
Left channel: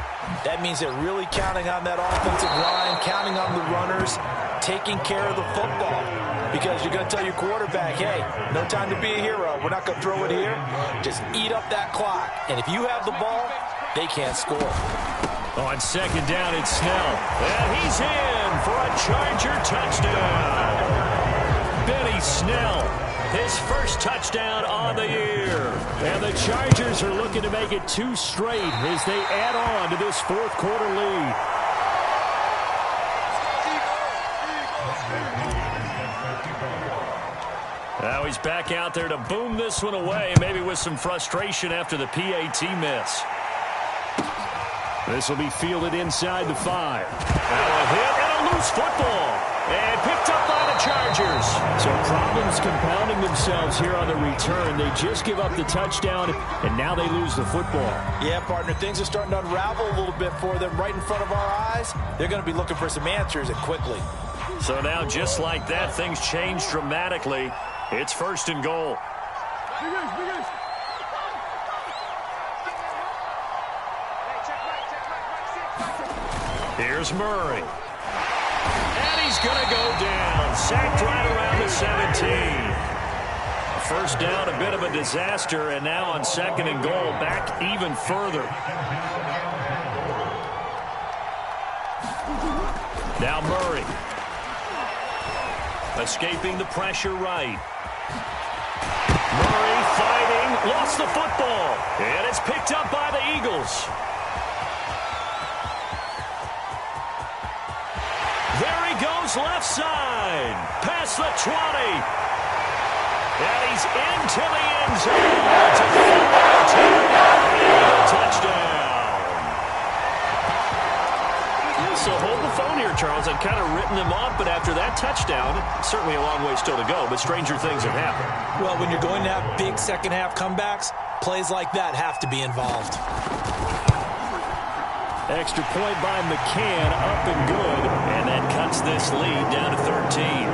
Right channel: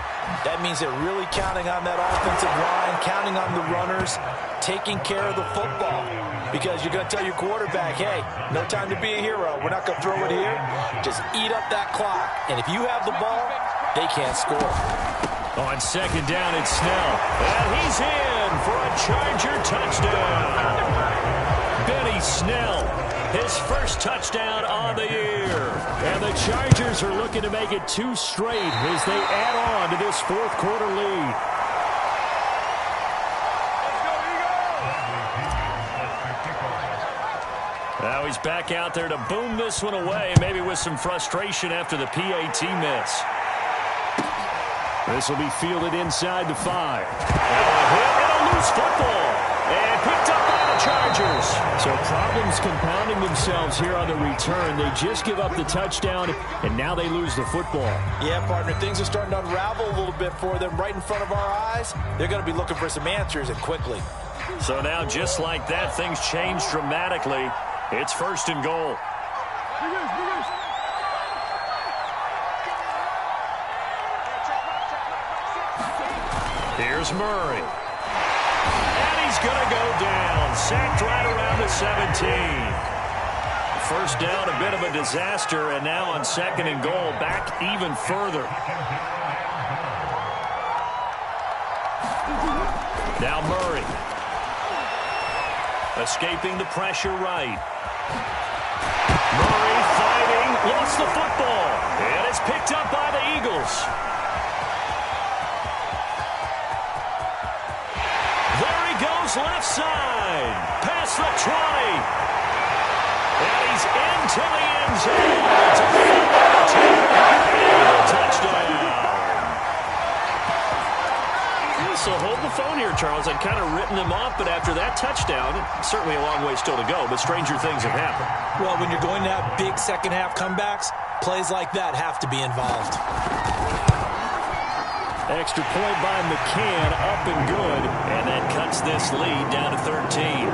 That means they're really counting on that offensive line, counting on the runners, taking care of the football. Because you're going to tell your quarterback, hey, no time to be a hero. We're not going to throw it here. Just eat up that clock. And if you have the ball, they can't score. On 2nd down, it's Snell. And he's in for a Charger touchdown. Benny Snell, his first touchdown on the year. And the Chargers are looking to make it 2 straight as they add on to this 4th quarter lead. Now he's back out there to boom this one away, maybe with some frustration after the PAT miss. This will be fielded inside the 5. Now a hit and a loose football. And picked up by the Chargers. So problems compounding themselves here on the return. They just give up the touchdown, and now they lose the football. Yeah, partner, things are starting to unravel a little bit for them right in front of our eyes. They're going to be looking for some answers, and quickly. So now, just like that, things change dramatically. It's 1st and goal. Here's Murray. And he's going to go down. Sacked right around the 17. First down, a bit of a disaster, and now on 2nd and goal, back even further. Now Murray. Escaping the pressure right. Murray fighting, lost the football, and it's picked up by the Eagles. There he goes left side, past the 20. And he's into the end zone. It's a touchdown. So hold the phone here, Charles. I'd kind of written them off, but after that touchdown, certainly a long way still to go, but stranger things have happened. Well, when you're going to have big second-half comebacks, plays like that have to be involved. Extra point by McCann, up and good. And that cuts this lead down to 13.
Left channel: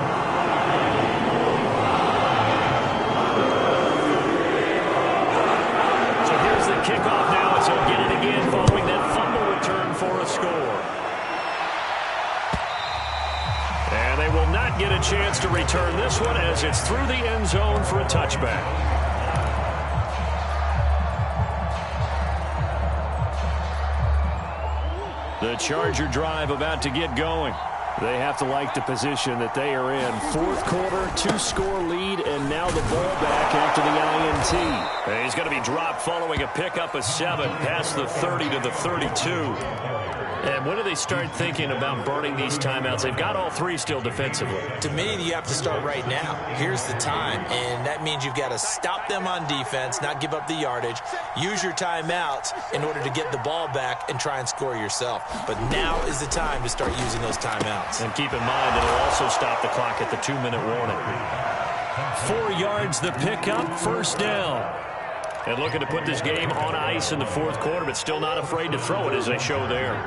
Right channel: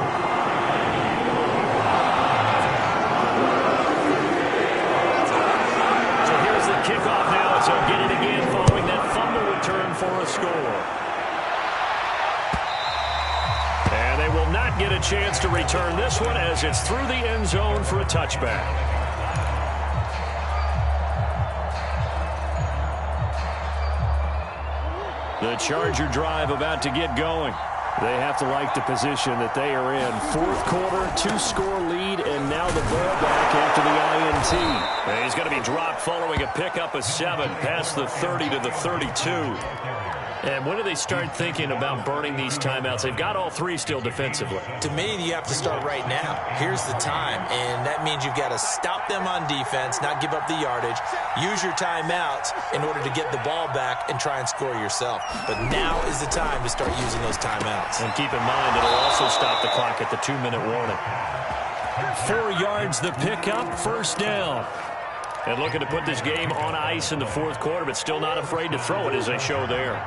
So here's the kickoff now as he'll get it again following that fumble return for a score. And they will not get a chance to return this one as it's through the end zone for a touchback. The Charger drive about to get going. They have to like the position that they are in. 4th quarter, 2-score lead, and now the ball back after the INT. And he's going to be dropped following a pickup of 7 past the 30 to the 32. And when do they start thinking about burning these timeouts? They've got all 3 still defensively. To me, you have to start right now. Here's the time, and that means you've got to stop them on defense, not give up the yardage, use your timeouts in order to get the ball back and try and score yourself. But now is the time to start using those timeouts. And keep in mind, it'll also stop the clock at the 2-minute warning. 4 yards the pickup, 1st down. And looking to put this game on ice in the 4th quarter, but still not afraid to throw it as they show there.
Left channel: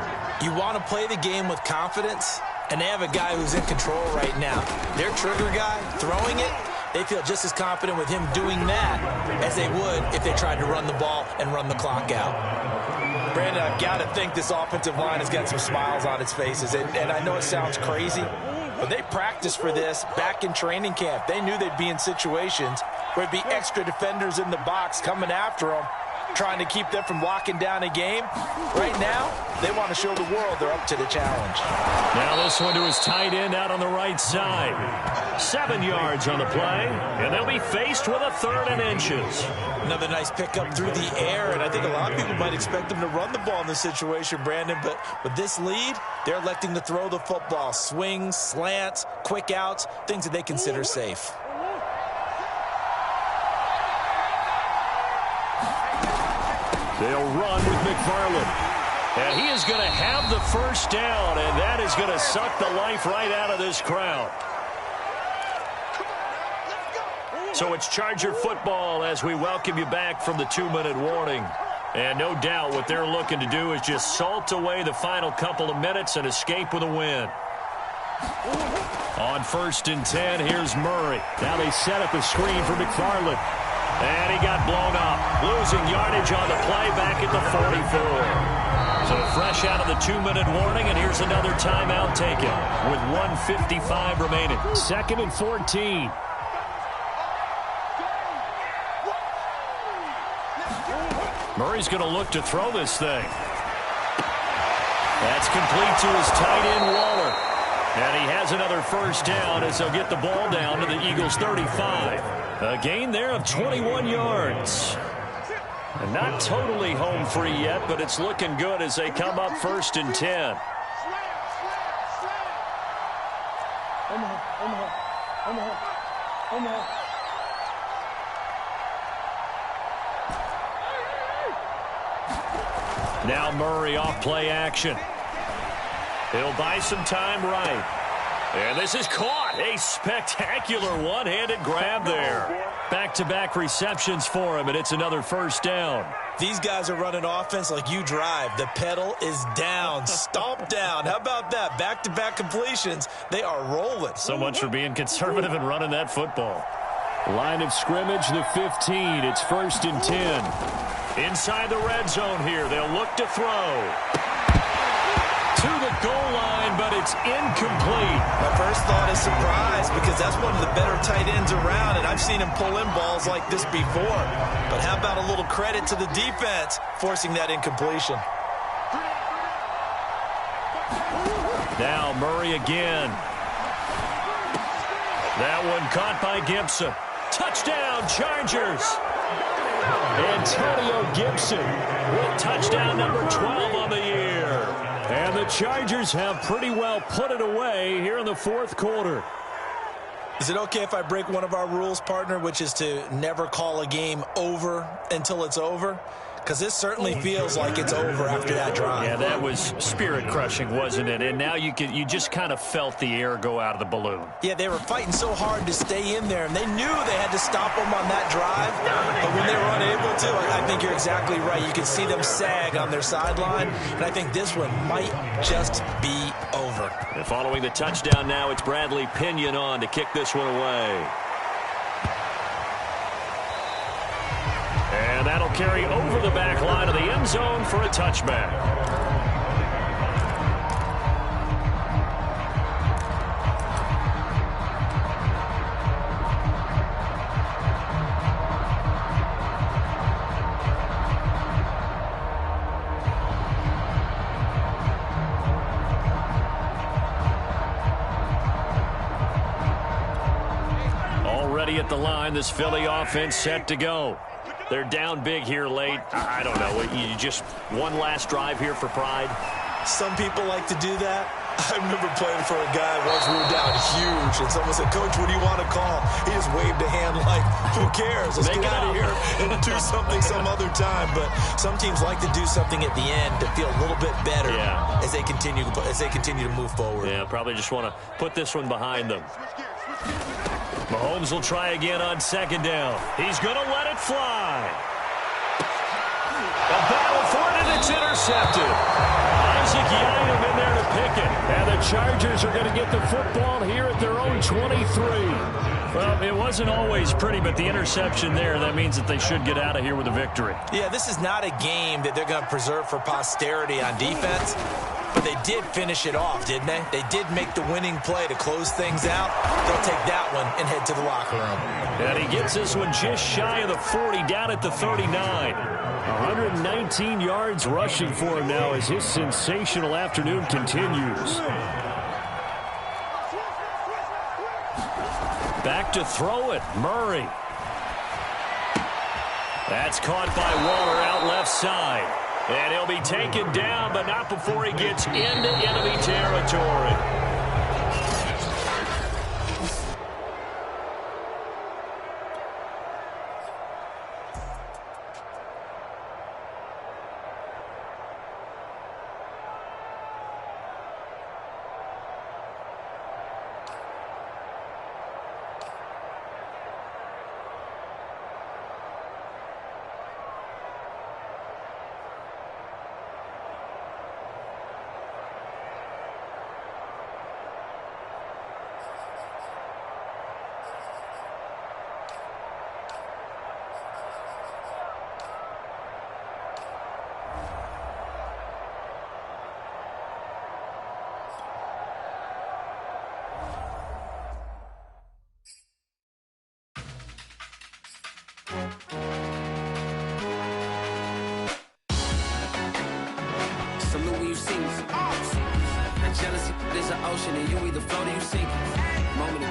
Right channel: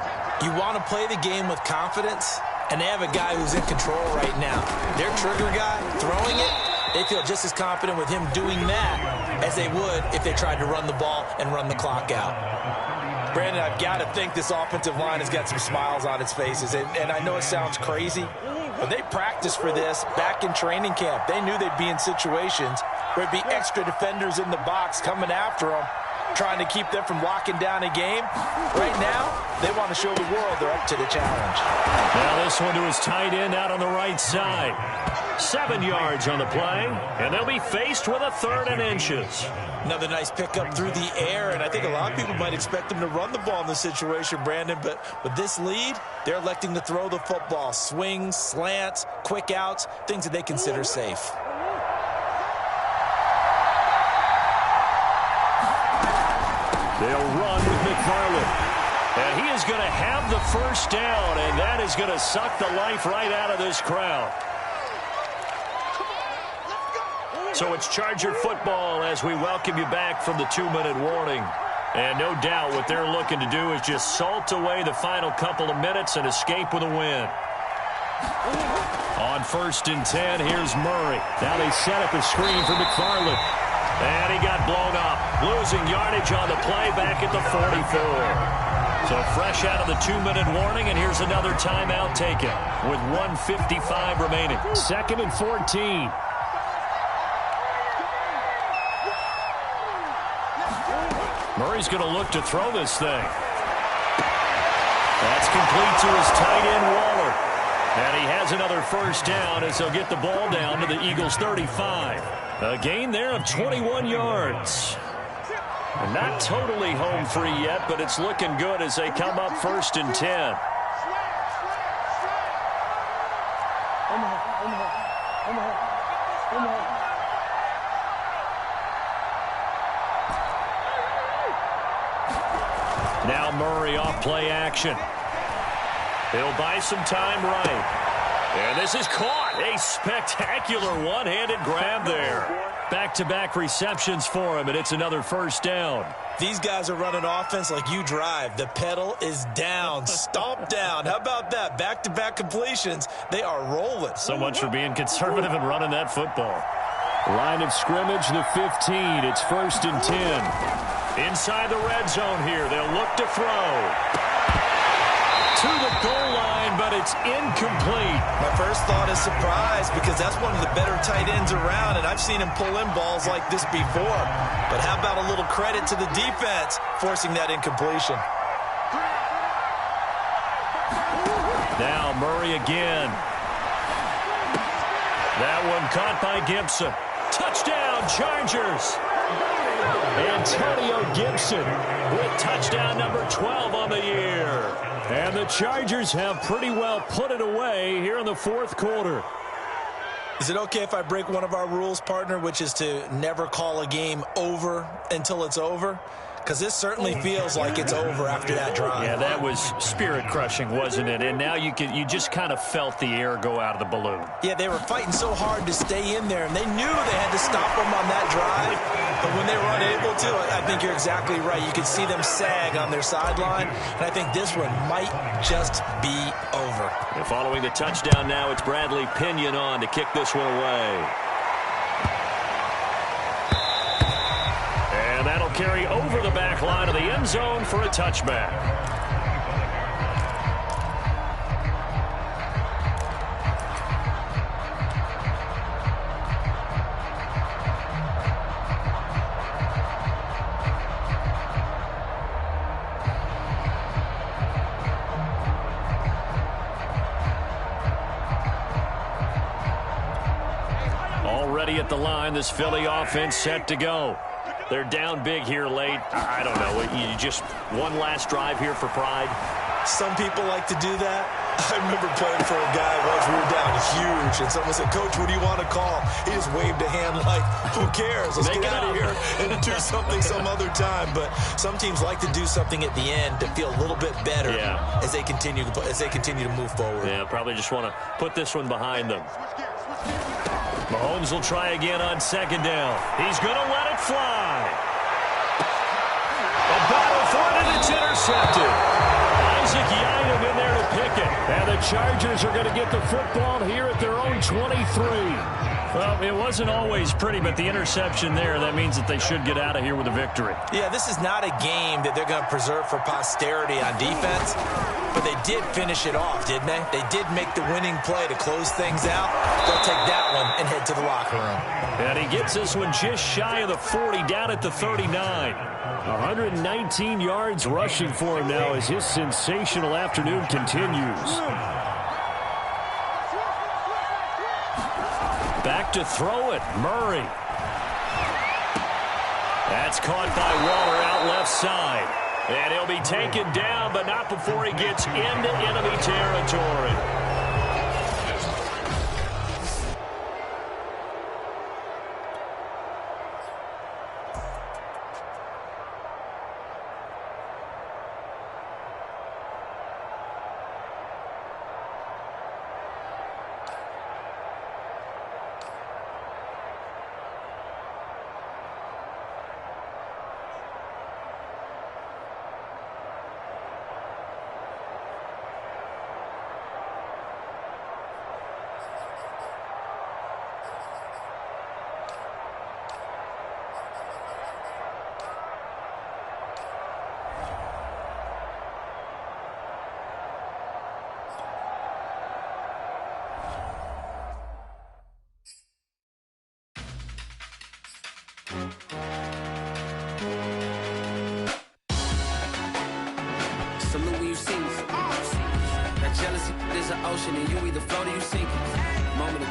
You want to play the game with confidence, and they have a guy who's in control right now. Their trigger guy, throwing it, they feel just as confident with him doing that as they would if they tried to run the ball and run the clock out. Brandon, I've got to think this offensive line has got some smiles on its faces, and I know it sounds crazy, but they practiced for this back in training camp. They knew they'd be in situations where it'd be extra defenders in the box coming after them, trying to keep them from locking down a game. Right now, they want to show the world they're up to the challenge. Now this one to his tight end out on the right side. 7 yards on the play, and they'll be faced with a 3rd and inches. Another nice pickup through the air, and I think a lot of people might expect them to run the ball in this situation, Brandon, but with this lead, they're electing to throw the football. Swings, slants, quick outs, things that they consider safe. They'll run with McFarland. And he is going to have the 1st down, and that is going to suck the life right out of this crowd. So it's Charger football as we welcome you back from the 2-minute warning. And no doubt what they're looking to do is just salt away the final couple of minutes and escape with a win. On 1st and 10, here's Murray. Now they set up a screen for McFarland. And he got blown up, losing yardage on the play back at the 44. So fresh out of the 2-minute warning, and here's another timeout taken with 1:55 remaining. 2nd and 14. Murray's going to look to throw this thing. That's complete to his tight end, Waller. And he has another 1st down as they'll get the ball down to the Eagles' 35. A gain there of 21 yards. And not totally home free yet, but it's looking good as they come up 1st and 10. Now Murray off play action. He'll buy some time right. And this is caught. A spectacular one-handed grab there. Back-to-back receptions for him, and it's another first down. These guys are running offense like you drive. The pedal is down, stomped down. How about that? Back-to-back completions. They are rolling. So much for being conservative and running that football. Line of scrimmage, the 15. It's 1st and 10. Inside the red zone here. They'll look to throw. To the goal line, but it's incomplete. My first thought is surprise because that's one of the better tight ends around, and I've seen him pull in balls like this before. But how about a little credit to the defense forcing that incompletion? Now Murray again. That one caught by Gibson. Touchdown, Chargers. Antonio Gibson With touchdown number 12 on the year. And the Chargers have pretty well put it away here in the 4th quarter. Is it okay if I break one of our rules, partner, which is to never call a game over until it's over? Because this certainly feels like it's over after that drive. Yeah, that was spirit-crushing, wasn't it? And now you just kind of felt the air go out of the balloon. Yeah, they were fighting so hard to stay in there, and they knew they had to stop them on that drive. But when they were unable to, I think you're exactly right. You could see them sag on their sideline, and I think this one might just be over. And following the touchdown now, it's Bradley Pinion on to kick this one away. And that'll carry over the back line of the end zone for a touchback. Already at the line, this Philly offense set to go. They're down big here late. I don't know. You just one last drive here for pride? Some people like to do that. I remember playing for a guy once. We were down huge, and someone said, "Coach, what do you want to call?" He just waved a hand like, who cares? Let's get out of here and do something some other time. But some teams like to do something at the end to feel a little bit better as they continue to move forward. Yeah, probably just want to put this one behind them. Mahomes will try again on 2nd down. He's going to let it fly. A battle for it, and it's intercepted. Isaac Yianum in there to pick it. And the Chargers are going to get the football here at their own 23. Well, it wasn't always pretty, but the interception there, that means that they should get out of here with a victory. Yeah, this is not a game that they're going to preserve for posterity on defense. But they did finish it off, didn't they? They did make the winning play to close things out. They'll take that one and head to the locker room. And he gets this one just shy of the 40, down at the 39. 119 yards rushing for him now as his sensational afternoon continues. Back to throw it, Murray. That's caught by Waller out left side. And he'll be taken down, but not before he gets into enemy territory. Salute when you see me. That jealousy is an ocean, and you either float or you sink. Moment of